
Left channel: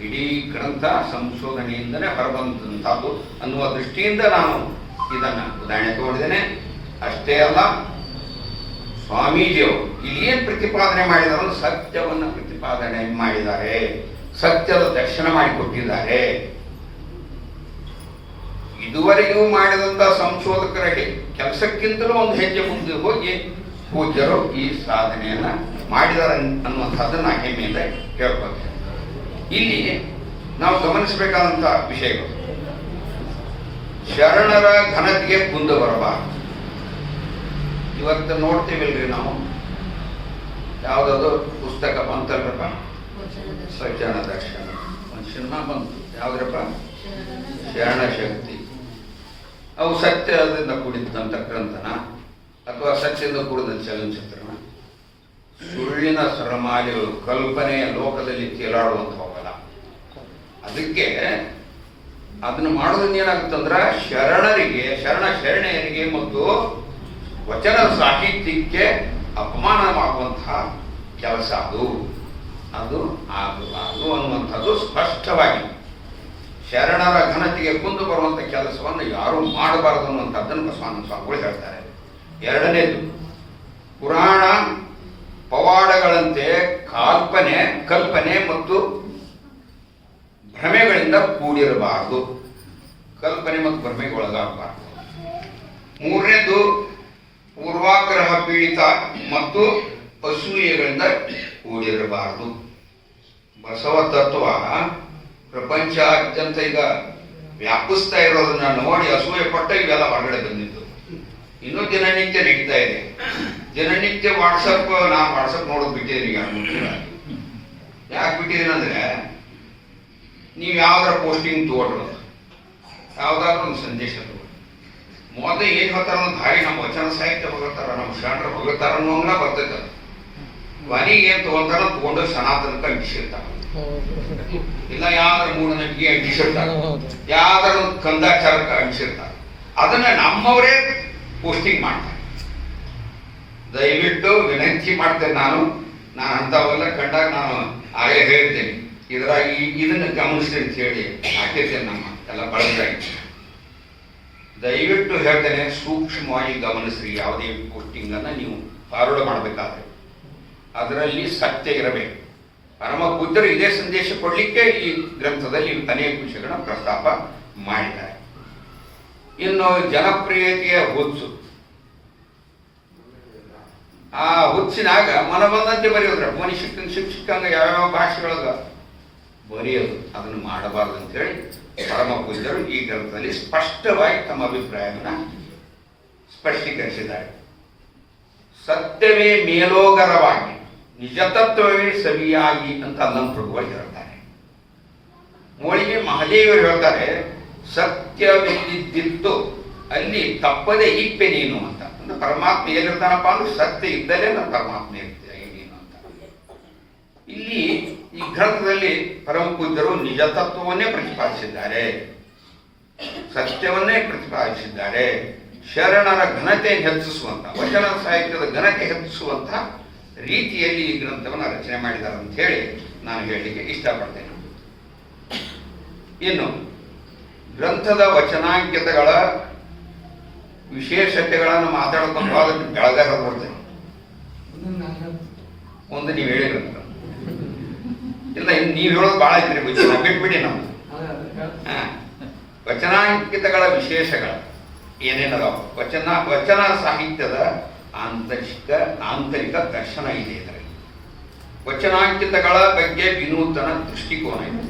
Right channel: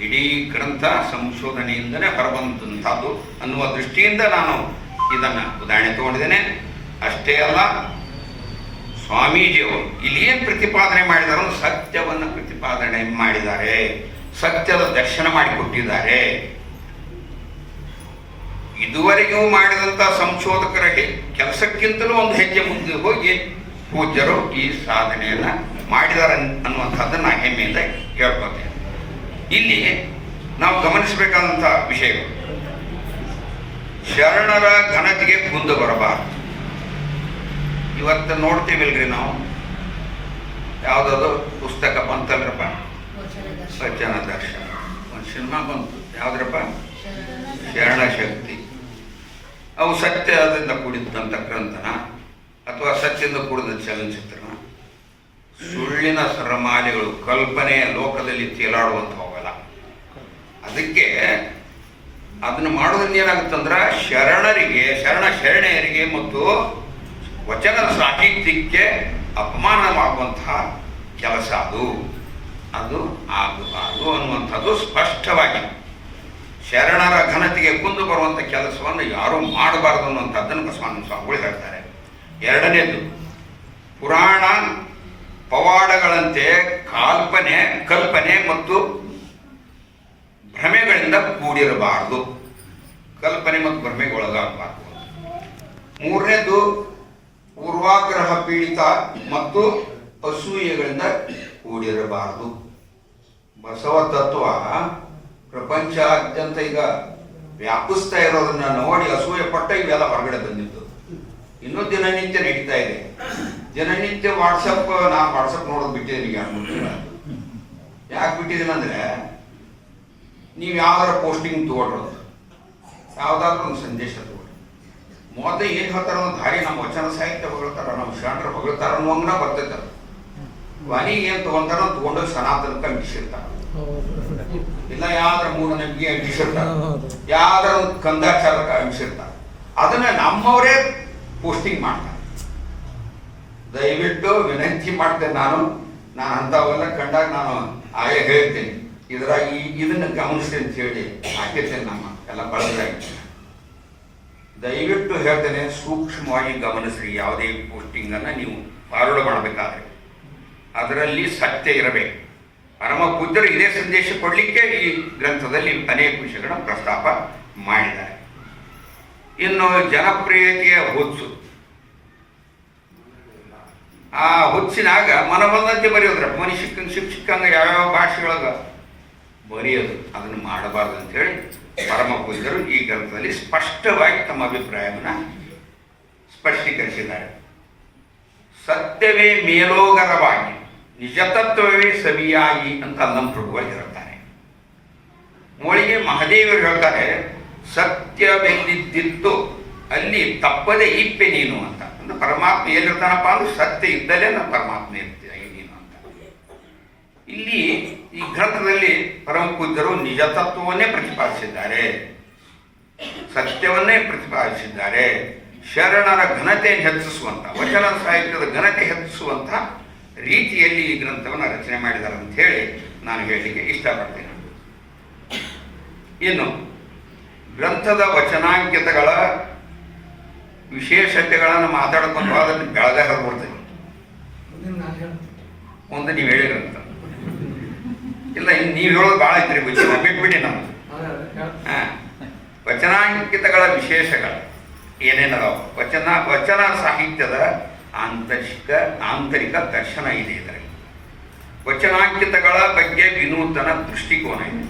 ಇಡೀ ಗ್ರಂಥ ಸಂಶೋಧನೆಯಿಂದನೇ ಹೊರಬಂದಂಥದ್ದು ಅನ್ನುವ ದೃಷ್ಟಿಯಿಂದ ನಾನು ಇದನ್ನು ಉದಾಹರಣೆ ತಗೊಂಡಿದ್ದೇನೆ. ಅಷ್ಟೇ ಅಲ್ಲ, ಸ್ವಾಮೀಜಿಯವರು ಇಲ್ಲಿ ಏನು ಪ್ರತಿಪಾದನೆ ಮಾಡಿದಾರೋ ಸತ್ಯವನ್ನು ಪ್ರತಿಪಾದನೆ ಮಾಡಿದ್ದಾರೆ, ಸತ್ಯದ ದರ್ಶನ ಮಾಡಿಕೊಟ್ಟಿದ್ದಾರೆ. ಇದುವರೆಗೂ ಮಾಡಿದಂಥ ಸಂಶೋಧಕರ ಕೆಲಸಕ್ಕಿಂತಲೂ ಒಂದು ಹೆಜ್ಜೆ ಮುಂದೆ ಹೋಗಿ ಪೂಜ್ಯರು ಈ ಸಾಧನೆಯನ್ನು ಮಾಡಿದ್ದಾರೆ ಅನ್ನುವಂಥದ್ದನ್ನು ಹೆಮ್ಮೆಯಿಂದ ಕೇಳ್ಕೊತೇನೆ. ಇಲ್ಲಿ ನಾವು ಗಮನಿಸಬೇಕಾದಂಥ ವಿಷಯಗಳು, ಶರಣರ ಘನತೆಗೆ ಕುಂದು ಬರಬಾರದು. ಇವತ್ತು ನೋಡ್ತೀವಿಲ್ರಿ ನಾವು, ಯಾವುದಾದ್ರು ಪುಸ್ತಕ ಬಂತಲ್ರಪ್ಪ, ವಚನ ದರ್ಶನ, ಒಂದು ಸಿನಿಮಾ ಬಂತು, ಯಾವುದ್ರಪ್ಪ, ಶರಣ ಶಕ್ತಿ. ಅವು ಸತ್ಯದಿಂದ ಕೂಡಿದಂಥ ಗ್ರಂಥನ ಅಥವಾ ಸತ್ಯದಿಂದ ಕೂಡಿದ ಚಲನಚಿತ್ರನ, ಸುಳ್ಳಿನ ಸರಮಾಲೆಗಳು, ಕಲ್ಪನೆಯ ಲೋಕದಲ್ಲಿ ತೇಲಾಡುವಂಥವಲ್ಲ. ಅದಕ್ಕೆ ಅದನ್ನು ಮಾಡೋದ್ರಿಂದ ಏನಾಗುತ್ತಂದ್ರೆ ಶರಣೆಯರಿಗೆ ಮತ್ತು ವಚನದ ಸಾಹಿತ್ಯಕ್ಕೆ ಅಪಮಾನವಾಗುವಂತಹ ಕೆಲಸ ಅದು ಆಗಬಾರದು ಅನ್ನುವಂಥದ್ದು ಸ್ಪಷ್ಟವಾಗಿ. ಶರಣರ ಘನತೆಗೆ ಕುಂದು ಬರುವಂಥ ಕೆಲಸವನ್ನು ಯಾರೂ ಮಾಡಬಾರದು ಅನ್ನುವಂಥದ್ದನ್ನು ಬಸವಾನಂದ ಸ್ವಾಮಿಗಳು ಹೇಳ್ತಾರೆ. ಎರಡನೇದು, ಪುರಾಣ ಪವಾಡಗಳಂತೆ ಕಲ್ಪನೆ ಮತ್ತು ಭ್ರಮೆಗಳಿಂದ ಕೂಡಿರಬಾರದು, ಕಲ್ಪನೆ ಮತ್ತು ಭ್ರಮೆಗೊಳಗಾಗಬಾರದು. ಮೂರನೇದು, ಪೂರ್ವಾಗ್ರಹ ಪೀಡಿತ ಮತ್ತು ಅಸೂಯೆಗಳಿಂದ ಕೂಡಿರಬಾರದು. ಬಸವ ತತ್ವ ಪ್ರಪಂಚಾದ್ಯಂತ ಈಗ ವ್ಯಾಪಿಸ್ತಾ ಇರೋದನ್ನ ನೋಡಿ ಅಸೂಯೆ ಪಟ್ಟ ಇವೆಲ್ಲ ಹೊರಗಡೆ ಬಂದಿದ್ದು. ಇನ್ನೂ ದಿನನಿತ್ಯ ನಡೀತಾ ಇದೆ. ದಿನನಿತ್ಯ ನಾ ವಾಟ್ಸಪ್ ನೋಡೋದು ಬಿಟ್ಟಿದ್ದೀನಿ. ಯಾಕೆ ಬಿಟ್ಟಿದ್ದೀನಿ ಅಂದ್ರೆ, ನೀವು ಯಾವ್ದಾರ ಪೋಸ್ಟಿಂಗ್ ತಗೊಳ್ರು, ಯಾವ್ದಾದ್ರು ಒಂದು ಸಂದೇಶ ತಗೊಳ್ಳಿ, ಮೊದಲು ಏನು ಹೇಳ್ತಾರ ಅನ್ನೋ ದಾರಿ ನಮ್ಮ ವಚನ ಸಾಹಿತ್ಯ ಹೊಗಳ್ತಾರ, ನಮ್ಮ ಶರಣರು ಹೊಗಳ್ತಾರ ಅನ್ನೋಂಗ ಬರ್ತೈತೆ. ಕೊನೆಗೆ ಏನು ತಗೊಂತಾರ ತಗೊಂಡು ಸನಾತನಕ್ಕೆ ಅಂಟಿಸಿರ್ತಾರ, ಇಲ್ಲ ಯಾವ್ದಾರ ಮೂಢನಂಬಿಕೆ ಅಂಟಿಸಿರ್ತಾರ, ಯಾವ್ದಾರ ಒಂದು ಕಂದಾಚಾರಕ್ಕೆ ಅಂಟಿಸಿರ್ತಾರ. ಅದನ್ನ ನಮ್ಮವರೇ ಪೋಸ್ಟಿಂಗ್ ಮಾಡ್ತಾರೆ. ದಯವಿಟ್ಟು ವಿನಂತಿ ಮಾಡ್ತೇನೆ, ನಾನು ಅಂಥವೆಲ್ಲ ಕಂಡಾಗ ನಾನು ಆಗಲೇ ಹೇಳ್ತೇನೆ, ಇದನ್ನು ಗಮನಿಸಿ ಅಂತ ಹೇಳಿ ಹಾಕಿರ್ತೇನೆ. ನಮ್ಮ ಎಲ್ಲ ಬಳಸಾಗಿ ದಯವಿಟ್ಟು ಹೇಳ್ತೇನೆ, ಸೂಕ್ಷ್ಮವಾಗಿ ಗಮನಿಸ್ರಿ. ಯಾವುದೇ ಪೋಸ್ಟಿಂಗನ್ನು ನೀವು ಫಾರ್ವರ್ಡ್ ಮಾಡಬೇಕಾದ್ರೆ ಅದರಲ್ಲಿ ಸತ್ಯ ಇರಬೇಕು. ಪರಮ ಪೂಜ್ಯರು ಇದೇ ಸಂದೇಶ ಕೊಡಲಿಕ್ಕೆ ಈ ಗ್ರಂಥದಲ್ಲಿ ಅನೇಕ ವಿಷಯಗಳನ್ನು ಪ್ರಸ್ತಾಪ ಮಾಡಿದ್ದಾರೆ. ಇನ್ನು ಜನಪ್ರಿಯತೆಯ ಹುಚ್ಚು, ಆ ಹುಚ್ಚಿನಾಗ ಮನ ಬಂದಂತೆ ಬರೆಯೋದ್ರ ಮನುಷ್ಯ ಶಿಕ್ಷಕಂಗ ಯಾವ್ಯಾವ ಭಾಷೆಯೊಳಗೆ ಬರೆಯೋದು ಅದನ್ನು ಮಾಡಬಾರ್ದು ಅಂತೇಳಿ ಪರಮ ಪೂಜ್ಯರು ಈ ಗ್ರಂಥದಲ್ಲಿ ಸ್ಪಷ್ಟವಾಗಿ ತಮ್ಮ ಅಭಿಪ್ರಾಯವನ್ನು ಸ್ಪಷ್ಟೀಕರಿಸಿದ್ದಾರೆ. ಸತ್ಯವೇ ಮೇಲೋಗರವಾಗಿ ನಿಜತತ್ವವೇ ಸವಿಯಾಗಿ ಅಂತ ಅಲ್ಲಂಪ್ರಭುಗಳು ಹೇಳ್ತಾರೆ. ಮೋಳಿಗೆ ಮಹದೇವರು ಹೇಳ್ತಾರೆ, ಸತ್ಯವೆಲ್ಲಿದ್ದಿತ್ತು ಅಲ್ಲಿ ತಪ್ಪದೆ ಇಪ್ಪೆ ನೀನು ಅಂತ. ಅಂದ್ರೆ ಪರಮಾತ್ಮ ಎಲ್ಲಿರ್ತಾನಪ್ಪ ಅಂದ್ರೆ ಸತ್ಯ ಇದ್ದಲೇ ನಾನು ಪರಮಾತ್ಮ ಇರ್ತೀಯ ನೀನು ಅಂತ. ಇಲ್ಲಿ ಈ ಗ್ರಂಥದಲ್ಲಿ ಪರಮ ಪೂಜ್ಯರು ನಿಜತತ್ವವನ್ನೇ ಪ್ರತಿಪಾದಿಸಿದ್ದಾರೆ, ಸತ್ಯವನ್ನೇ ಪ್ರತಿಪಾದಿಸಿದ್ದಾರೆ. ಶರಣರ ಘನತೆಯನ್ನು ಹೆಚ್ಚಿಸುವಂತ, ವಚನ ಸಾಹಿತ್ಯದ ಘನತೆ ಹೆಚ್ಚಿಸುವಂತ ರೀತಿಯಲ್ಲಿ ಈ ಗ್ರಂಥವನ್ನು ರಚನೆ ಮಾಡಿದ್ದಾರೆ ಅಂತ ಹೇಳಿ ನಾನು ಹೇಳಲಿಕ್ಕೆ ಇಷ್ಟಪಡ್ತೇನೆ. ಇನ್ನು ಗ್ರಂಥದ ವಚನಾಂಕಿತಗಳ ವಿಶೇಷತೆಗಳನ್ನು ಮಾತಾಡ್ಕೊಂಡು ಅದನ್ನು ಬೆಳಗಾಗ ಕೊಡ್ತೇನೆ. ಒಂದು ನೀವು ಹೇಳಿರಂತ ಇಲ್ಲ, ಇನ್ನು ನೀವು ಹೇಳೋದು ಭಾಳ ಇದ್ರಿ ಬಿಟ್ಬಿಡಿ ನಾವು. ವಚನಾಂಕಿತಗಳ ವಿಶೇಷಗಳು ಏನೇನದಾವ, ವಚನ ಸಾಹಿತ್ಯದ ಆಂತರಿಕ ದರ್ಶನ ಇದೆ ಇದರಲ್ಲಿ. ವಚನಾಂಕಿತಗಳ ಬಗ್ಗೆ ವಿನೂತನ ದೃಷ್ಟಿಕೋನ ಇದೆ.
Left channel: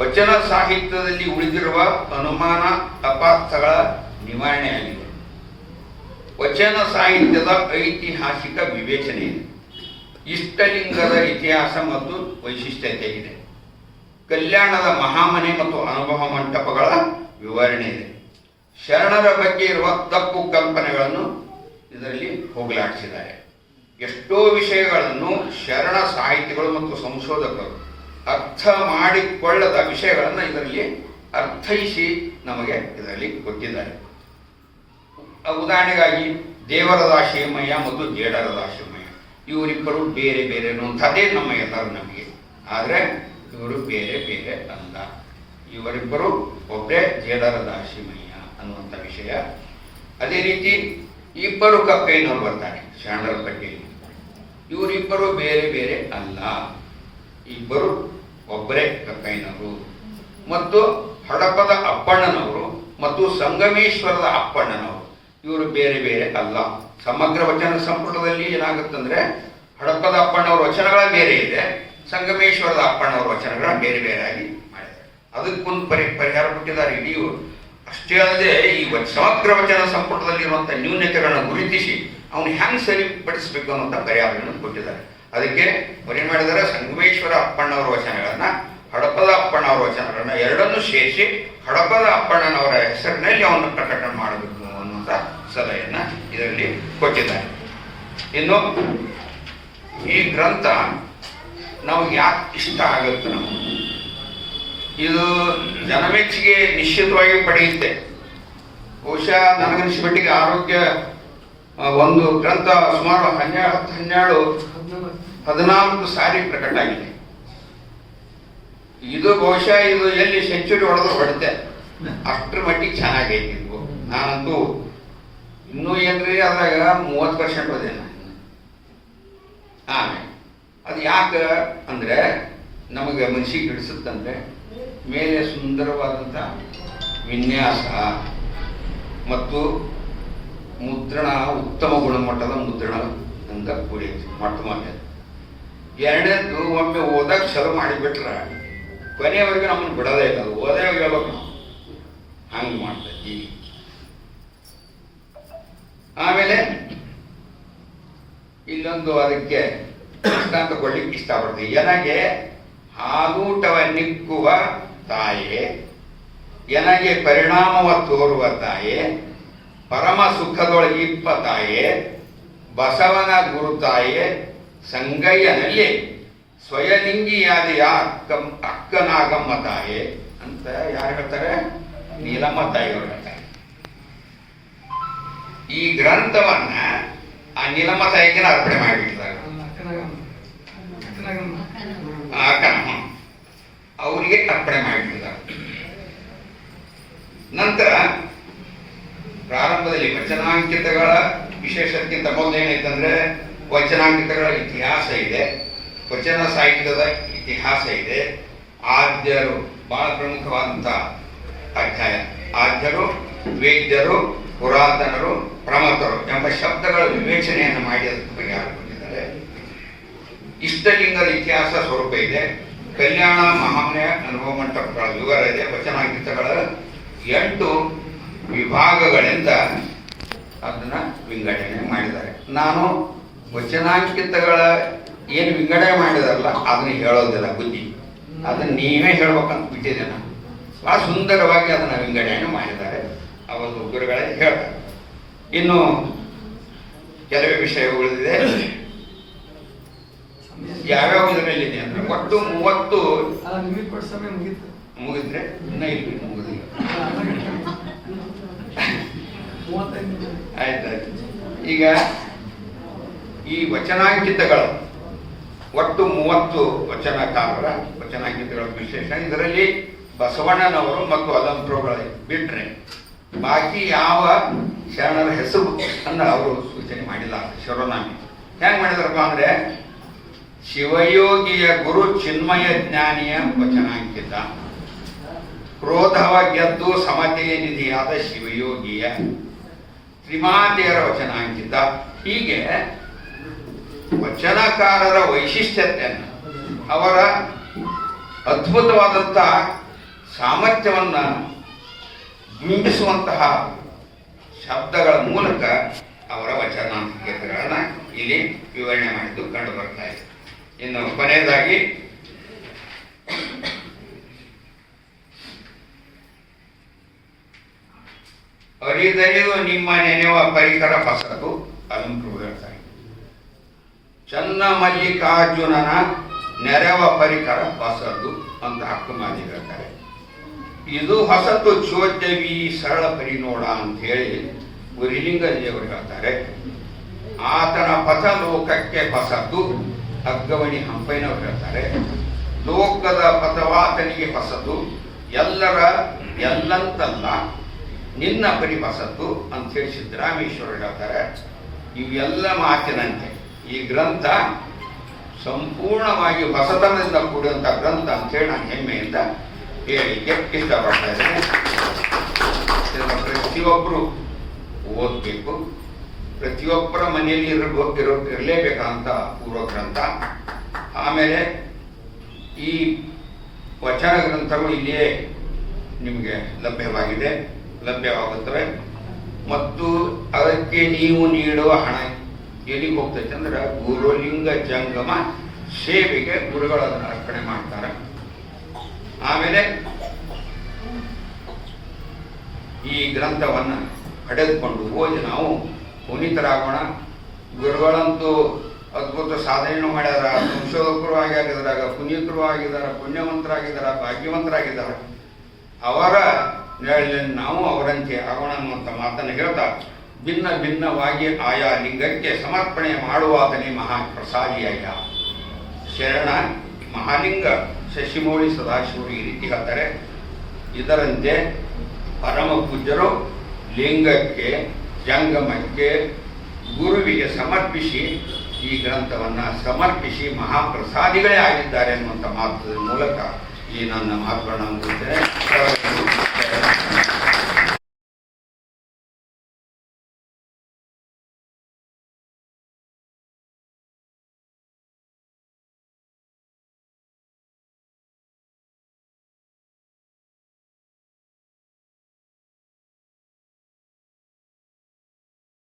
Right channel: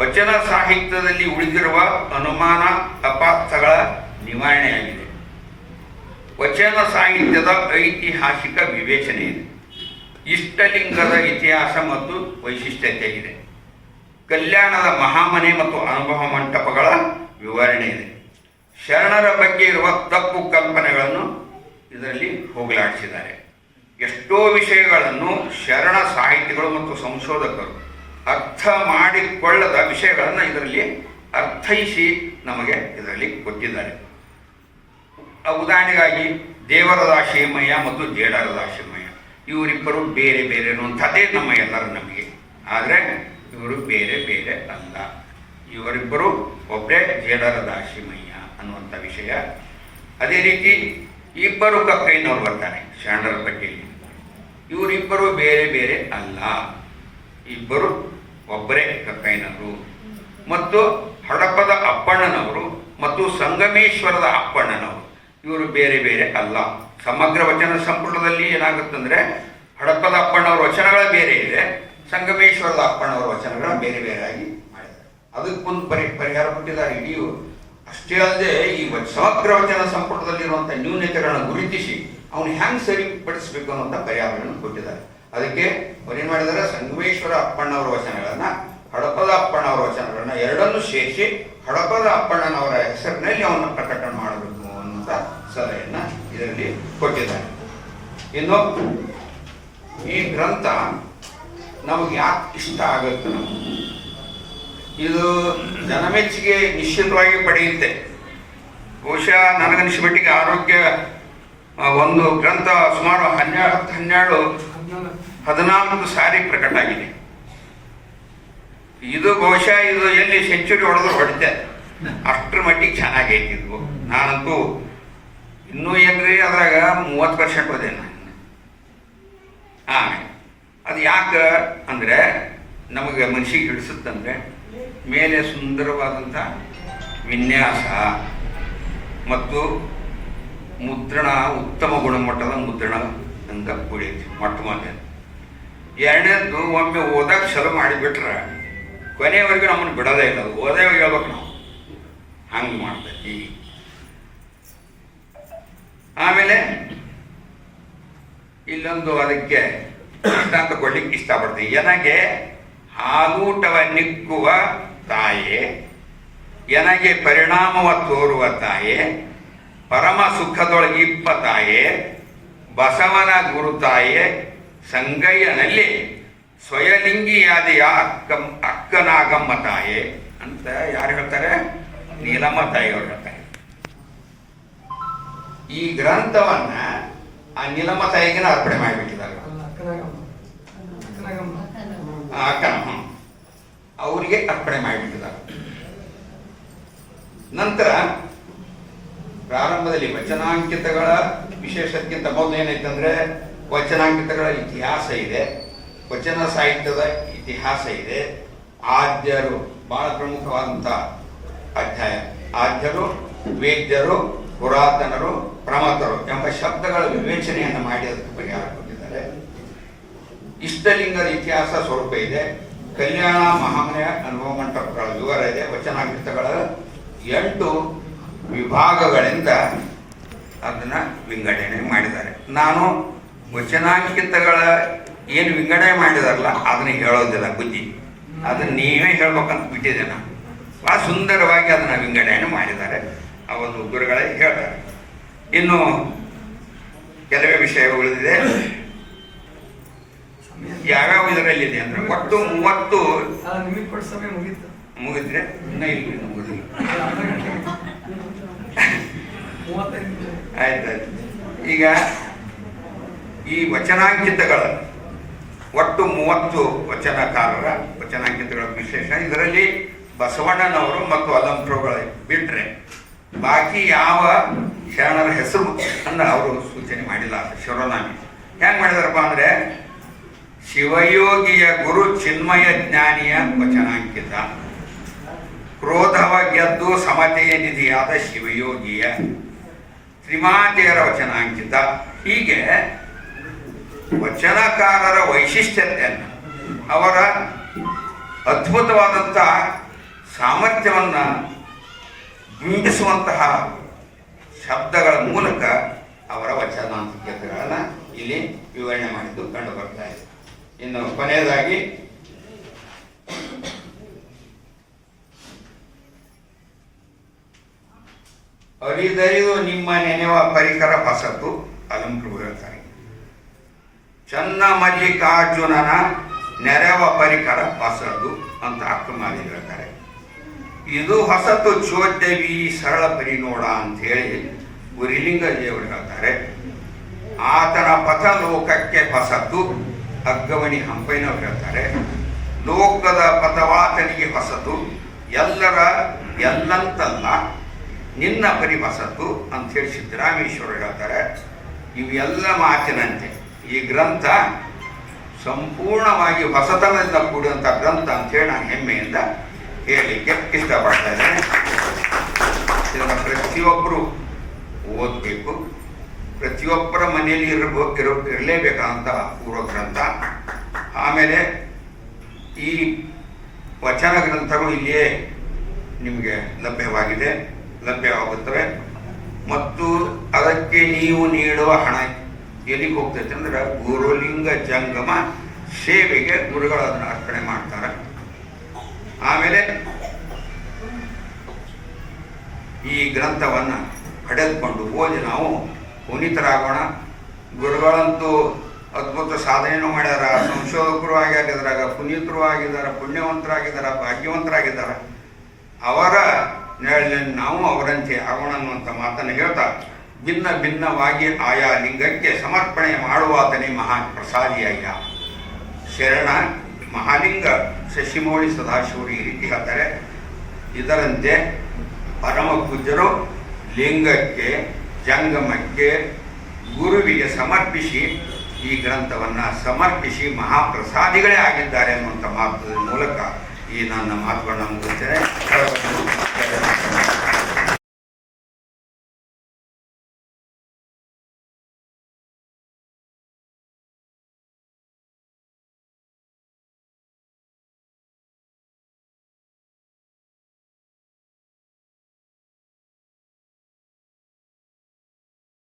ವಚನ ಸಾಹಿತ್ಯದಲ್ಲಿ ಉಳಿದಿರುವ ಅನುಮಾನ ಅಪಾರ್ಥಗಳ ನಿವಾರಣೆಯಾಗಿದೆ. ವಚನ ಸಾಹಿತ್ಯದ ಐತಿಹಾಸಿಕ ವಿವೇಚನೆ ಇದೆ. ಇಷ್ಟಲಿಂಗದ ಇತಿಹಾಸ ಮತ್ತು ವೈಶಿಷ್ಟ್ಯತೆ ಇದೆ. ಕಲ್ಯಾಣದ ಮಹಾಮನೆ ಮತ್ತು ಅನುಭವ ಮಂಟಪಗಳ ವಿವರಣೆ ಇದೆ. ಶರಣರ ಬಗ್ಗೆ ಇರುವ ತಪ್ಪು ಕಲ್ಪನೆಗಳನ್ನು ಇದರಲ್ಲಿ ಹೋಗಲಾಡಿಸಿದ್ದಾರೆ. ಎಷ್ಟೋ ವಿಷಯಗಳನ್ನು ಶರಣ ಸಾಹಿತಿಗಳು ಮತ್ತು ಸಂಶೋಧಕರು ಅರ್ಥ ಮಾಡಿಕೊಳ್ಳದ ವಿಷಯಗಳನ್ನು ಇದರಲ್ಲಿ ಅರ್ಥೈಸಿ ನಮಗೆ ಇದರಲ್ಲಿ ಕೊಟ್ಟಿದ್ದಾರೆ. ಉದಾಹರಣೆಗಾಗಿ ದೇವರದಾಶಿಮಯ್ಯ ಮತ್ತು ಜೇಡರದಾಶಿಮಯ್ಯ ಇವರಿಬ್ಬರು ಬೇರೆ ಬೇರೆ ಅನ್ನುವಂಥದ್ದೇ ನಮ್ಮ ಎಲ್ಲರ ನಂಬಿಕೆ. ಆದರೆ ಇವರು ಬೇರೆ ಬೇರೆ ಅಲ್ಲ, ಇವರಿಬ್ಬರು ಒಬ್ಬರೇ ಜೇಡರದಾಶಿಮಯ್ಯ ಅನ್ನುವಂಥ ವಿಷಯ. ಅದೇ ರೀತಿ ಇಬ್ಬರು ಕಕ್ಕೈನವರು ಬರ್ತಾರೆ ಶರಣರ ಪಟ್ಟಿಯಲ್ಲಿ, ಇವರಿಬ್ಬರು ಬೇರೆ ಬೇರೆ ಅಲ್ಲ, ಇಬ್ಬರು ಒಬ್ಬರೇ ಕಕ್ಕೈನವರು. ಮತ್ತು ಹಡಪದ ಅಪ್ಪಣ್ಣನವರು ಮತ್ತು ಸಂಗಮೇಶ್ವರದ ಅಪ್ಪಣ್ಣನವರು ಇವರು ಬೇರೆ ಬೇರೆ ಅಲ್ಲ. ಸಮಗ್ರ ವಚನ ಸಂಪುಟದಲ್ಲಿ ಏನಾಗುತ್ತಂದ್ರೆ ಹಡಪದ ಅಪ್ಪಣ್ಣವ್ರ ವಚನಗಳ ಬೇರೆ ಇದೆ, ಸಂಗಮೇಶ್ವರದ ಅಪ್ಪಣ್ಣವ್ರ ವಚನಗಳ ಬೇರೆ ಬೇರೆ ಆಗಿ ಮಾಡಿದ್ದಾರೆ. ಅದಕ್ಕೊಂದು ಪರಿಹಾರ ಕೊಟ್ಟಿದ್ದಾರೆ ಇಡೀ. ಅಷ್ಟೇ ಅಲ್ಲದೆ ಈ ಸಮಗ್ರ ವಚನ ಸಂಪುಟದಲ್ಲಿರುವಂಥ ನ್ಯೂನತೆಗಳನ್ನು ಗುರುತಿಸಿ ಅವನು ಹ್ಯಾಂಗ್ ಸರಿಪಡಿಸಬೇಕು ಅನ್ನೋಂಥ ಪರಿಹಾರಗಳನ್ನು ಕೊಟ್ಟಿದ್ದಾರೆ. ಅದಕ್ಕೆ ಏನು ಮಾಡಿದ್ದಾರೆ, ಸಂಗಮೇಶ್ವರ ಅಪ್ಪಣ್ಣವರ ವಚನಗಳನ್ನ ಹಡಪದ ಅಪ್ಪಣ್ಣವರ ವಚನಗಳನ್ನ ಎರಡನ್ನೂ ಸೇರಿಸಿ ಹಡಪದ ಅಪ್ಪಣ್ಣನವರ ಹೆಸರಿನಲ್ಲಿ ಅವನ್ನ ಪ್ರಕಟಣೆ ಮಾಡಬೇಕು ಅನ್ನುವಂಥ ಸಲಹೆಯನ್ನ ಇದರಲ್ಲಿ ಕೊಟ್ಟಿದ್ದಾರೆ. ಇನ್ನು ಈ ಗ್ರಂಥ ನಮಗೆ ಯಾಕೆ ಇಷ್ಟ ಆಗುತ್ತೆ, ಇದು ಜನಮೆಚ್ಚುಗೆ ನಿಶ್ಚಿತವಾಗಿ ಪಡೆಯುತ್ತೆ. ಬಹುಶಃ ನನಗನ್ನಿಸಿಬಿಟ್ಟಿಗೆ ಆರೋಗ್ಯ ಒಂದು ಗ್ರಂಥ ಸುಮಾರು 14 ಸಾರಿ ಪ್ರಕಟ ಆಗಿದೆ. ಇದು ಬಹುಶಃ ಇದು ಎಲ್ಲಿ ಸೆಂಚುರಿ ಹೊಡೆದ್ರು ಹೊಡಿತೆ, ಅಷ್ಟರ ಮಟ್ಟಿಗೆ ಚೆನ್ನಾಗೈತಿ ಇದು. ನಾನಂತೂ ಇನ್ನೂ ಏನ್ರಿ ಅದ್ರಾಗ 30% ಹೋದೆ ನಾನು. ಆಮೇಲೆ ಅದು ಯಾಕೆ ಅಂದರೆ ನಮಗೆ ಮನಸ್ಸಿಗೆ ಹಿಡಿಸುತ್ತಂದ್ರೆ ಮೇಲೆ ಸುಂದರವಾದಂಥ ವಿನ್ಯಾಸ ಮತ್ತು ಮುದ್ರಣ, ಉತ್ತಮ ಗುಣಮಟ್ಟದ ಮುದ್ರಣ ಅಂತ ಕೂಡೈತಿ ಮೊಟ್ಟ ಮೊದಲು. ಎರಡನೇದು ಒಮ್ಮೆ ಓದಾಗ ಶುರು ಮಾಡಿಬಿಟ್ರೆ ಕೊನೆಯವರೆಗೂ ನಮ್ಮನ್ನು ಬಿಡೋದೇ ಇಲ್ಲ, ಅದು ಓದೇ ಹೇಳ್ಬೇಕು ನಾವು, ಹಂಗೆ ಮಾಡ್ತೈತಿ. ಆಮೇಲೆ ಇಲ್ಲೊಂದು ಅದಕ್ಕೆ ದೃಷ್ಟಾಂತ ಕೊಡ್ಲಿಕ್ಕೆ ಇಷ್ಟಪಡ್ತೀವಿ. ನನಗೆ ಹಾಲೂಟವ ನಿಕ್ಕುವ ತಾಯೇ, ನನಗೆ ಪರಿಣಾಮವ ತೋರುವ ತಾಯೇ, ಪರಮ ಸುಖದೊಳಗಿಪ್ಪ ತಾಯೇ, ಬಸವನ ಗುರು ತಾಯೇ, ಸಂಗಯ್ಯನಲ್ಲಿ ಸ್ವಯಲಿಂಗಿಯಾದೆಯ ಅಕ್ಕನಾಗಮ್ಮ ತಾಯೇ ಅಂತ ಯಾರು ಹೇಳ್ತಾರೆ? ನೀಲಮ್ಮ ತಾಯಿಯವರು ಹೇಳ್ತಾರೆ. ಈ ಗ್ರಂಥವನ್ನ ಆ ನೀಲಮ್ಮ ತಾಯಿಗೆ ಅರ್ಪಣೆ ಮಾಡಿಬಿಟ್ಟಿದ್ದಾರೆ. ಅಕ್ಕನಮ್ಮ ಅವರಿಗೆ ಅರ್ಪಣೆ ಮಾಡಿಬಿಟ್ಟಿದ್ದಾರೆ. ನಂತರ ಪ್ರಾರಂಭದಲ್ಲಿ ವಚನಾಂಕಿತಗಳ ವಿಶೇಷಕ್ಕಿಂತ ಮೊದಲು ಏನೈತಂದ್ರೆ ವಚನಾಂಕಿತಗಳ ಇತಿಹಾಸ ಇದೆ, ವಚನ ಸಾಹಿತ್ಯದ ಇತಿಹಾಸ ಇದೆ. ಆದ್ಯರು ಬಹಳ ಪ್ರಮುಖವಾದಂಥ ಅಧ್ಯಾಯ. ಆದ್ಯರು, ವೇದ್ಯರು, ಪುರಾತನರು, ಪ್ರಮತರು ಎಂಬ ಶಬ್ದಗಳ ವಿವೇಚನೆಯನ್ನು ಮಾಡಿ ಅದಕ್ಕೆ ಪರಿಹಾರ ಕೊಟ್ಟಿದ್ದಾರೆ. ಇಷ್ಟಲಿಂಗದ ಇತಿಹಾಸ ಸ್ವರೂಪ ಇದೆ. ಕಲ್ಯಾಣ ಮಹಾಮನೆಯ ಅನುಭವ ಮಂಟಪಗಳ ವಿವರ ಇದೆ. ವಚನಾಂಕಿತಗಳ 8 ವಿಭಾಗಗಳಿಂದ ಅದನ್ನು ವಿಂಗಡಣೆ ಮಾಡಿದ್ದಾರೆ. ನಾನು ವಚನಾಂಕಿತಗಳ ಏನು ವಿಂಗಡಣೆ ಮಾಡಿದಾರಲ್ಲ ಅದನ್ನು ಹೇಳೋದಿಲ್ಲ, ಬುದ್ಧಿ ಅದನ್ನು ನೀವೇ ಹೇಳ್ಬೇಕಂತ ಬಿಟ್ಟಿದೆ. ನಾನು ಭಾಳ ಸುಂದರವಾಗಿ ಅದನ್ನು ವಿಂಗಡಣೆ ಮಾಡಿದ್ದಾರೆ, ಅವರು ಗುರುಗಳೇ ಹೇಳ್ತಾರೆ. ಇನ್ನು ಕೆಲವೇ ವಿಷಯ ಉಳಿದಿದೆ. ಯಾವ್ಯಾವ ಇದರಲ್ಲಿದೆ ಅಂದ್ರೆ ಒಟ್ಟು 30 ಮುಗಿದ್ರೆ ಇನ್ನೂ ಇಲ್ಲಿ ಮುಗಿದಿಲ್ಲ. ಆಯ್ತಾಯ್ತು. ಈಗ ಈ ವಚನಾಂಕಿತಗಳ ಒಟ್ಟು 30 ವಚನಕಾರರ ವಚನಾಂಕಿತಗಳ ವಿಶೇಷ. ಇದರಲ್ಲಿ ಬಸವಣ್ಣನವರು ಮತ್ತು ಅಲಂಪ್ರಗಳು ಬಿಟ್ಟರೆ ಬಾಕಿ ಯಾವ ಶರಣರ ಹೆಸರು ಅನ್ನ ಅವರು ಸೂಚನೆ ಮಾಡಿಲ್ಲ. ಶಿವನಾಮಿ ಹೆಂಗೆ ಮಾಡಿದಾರಪ್ಪ ಅಂದರೆ ಶಿವಯೋಗಿಯ ಗುರು ಚಿನ್ಮಯ ಜ್ಞಾನಿಯ ವಚನಾಂಕಿತ, ಕ್ರೋಧವ ಗೆದ್ದು ಸಮತೆಯ ನಿಧಿಯಾದ ಶಿವಯೋಗಿಯ, ತ್ರಿಮಾತೆಯರ ವಚನಾಂಕಿತ. ಹೀಗೆ ವಚನಕಾರರ ವೈಶಿಷ್ಟ್ಯತೆಯನ್ನು, ಅವರ ಅದ್ಭುತವಾದಂಥ ಸಾಮರ್ಥ್ಯವನ್ನು ಬಿಂಬಿಸುವಂತಹ ಶಬ್ದಗಳ ಮೂಲಕ ಅವರ ವಚನಾಂಕಿತಗಳನ್ನು ಇಲ್ಲಿ ವಿವರಣೆ ಮಾಡಿದ್ದು ಕಂಡು ಬರ್ತಾ ಇದೆ. ಇನ್ನು ಕೊನೆಯದಾಗಿ ಅರಿದೈದು ನಿಮ್ಮ ನೆನೆವ ಪರಿಕರ ಹೊಸತು ಅಲಂಪ್ರಭು ಹೇಳ್ತಾರೆ. ಚನ್ನ ಮಲ್ಲಿಕಾರ್ಜುನನ ನೆರವ ಪರಿಕರ ಹೊಸದು ಅಂತ ಅಕ್ಕಮಾದಿ ಹೇಳ್ತಾರೆ. ಇದು ಹೊಸತು ಚೋದ್ಯವಿ ಸರಳ ಪರಿನೋಡ ಅಂತ ಹೇಳಿ ಗುರಿಲಿಂಗ ದೇವರು ಹೇಳ್ತಾರೆ. ಆತನ ಪಥ ಲೋಕಕ್ಕೆ ಹೊಸತು ಅಗ್ಗವಣಿ ಹಂಪೈನವ್ರು ಹೇಳ್ತಾರೆ. ಲೋಕದ ಪಥವಾತನಿಗೆ ಹೊಸತು ಎಲ್ಲರ ಎಲ್ಲಂತಲ್ಲ ನಿನ್ನ ಪರಿ ಹೊಸತು ಅಂತ ಹೇಳಿ ಸಿದ್ದರಾಮೇಶ್ವರರು ಹೇಳ್ತಾರೆ. ಇವೆಲ್ಲ ಮಾತಿನಂತೆ ಈ ಗ್ರಂಥ ಸಂಪೂರ್ಣವಾಗಿ ಹೊಸತನದಿಂದ ಕೂಡಿದಂಥ ಗ್ರಂಥ ಅಂತೇಳಿ ನಾನು ಹೆಮ್ಮೆಯಿಂದ ಹೇಳಲಿಕ್ಕೆ ಇಷ್ಟಪಡ್ತಾ ಇದ್ದೇನೆ. ಇದನ್ನು ಪ್ರತಿಯೊಬ್ಬರು ಓದಬೇಕು, ಪ್ರತಿಯೊಬ್ಬರ ಮನೆಯಲ್ಲಿ ಇರಲೇಬೇಕಾದಂಥ ಪೂರ್ವ ಗ್ರಂಥ. ಆಮೇಲೆ ಈ ವಚನ ಗ್ರಂಥಗಳು ಇಲ್ಲಿಯೇ ನಿಮಗೆ ಲಭ್ಯವಾಗುತ್ತವೆ. ಮತ್ತು ಅದಕ್ಕೆ ನೀವು ನೀಡುವ ಹಣ ಎಲ್ಲಿಗೆ ಹೋಗ್ತೈತೆ ಅಂದ್ರೆ ಗುರುಲಿಂಗ ಜಂಗಮ ಸೇವೆಗೆ ಗುರುಗಳು ಅದನ್ನು ಅರ್ಪಣೆ ಮಾಡ್ತಾರೆ. ಆಮೇಲೆ ಈ ಗ್ರಂಥವನ್ನು ಪಡೆದುಕೊಂಡು ಓದಿ ನಾವು ಪುನೀತರಾಗೋಣ. ಗುರುಗಳಂತೂ ಅದ್ಭುತ ಸಾಧನೆಯನ್ನು ಮಾಡ್ಯಾರ, ಸಂಶೋಧಕರು ಆಗ್ಯಾರ, ಇದ್ರಾಗ ಪುನೀತರು ಆಗಿದ್ದಾರೆ, ಪುಣ್ಯವಂತರಾಗಿದ್ದಾರೆ, ಭಾಗ್ಯವಂತರಾಗಿದ್ದಾರೆ. ಅವರ ನೆರಳಿನಲ್ಲಿ ನಾವು ಅವರಂತೆ ಆಗೋಣ ಅನ್ನುವಂಥ ಮಾತನ್ನು ಹೇಳ್ತಾ, ಭಿನ್ನ ಭಿನ್ನವಾಗಿ ಆಯಾ ಲಿಂಗಕ್ಕೆ ಸಮರ್ಪಣೆ ಮಾಡುವಾತನೇ ಮಹಾಪ್ರಸಾದಿಯಯ್ಯ ಶರಣ ಮಹಾಲಿಂಗ ಶಶಿಮೌಳಿ ಸದಾಶಿವರು ಈ ರೀತಿ ಹೇಳ್ತಾರೆ. ಇದರಂತೆ ಪರಮ ಪೂಜ್ಯರು ಲಿಂಗಕ್ಕೆ, ಜಂಗಮಕ್ಕೆ, ಗುರುವಿಗೆ ಸಮರ್ಪಿಸಿ ಈ ಗ್ರಂಥವನ್ನು ಸಮರ್ಪಿಸಿ ಮಹಾಪ್ರಸಾದಿಗಳೇ ಆಗಿದ್ದಾರೆ ಅನ್ನುವಂಥ ಮಾತು ಮೂಲಕ ಈ ನನ್ನ ಮಾತುಗಳನ್ನು ಮುಗಿಸ್ತೇನೆ.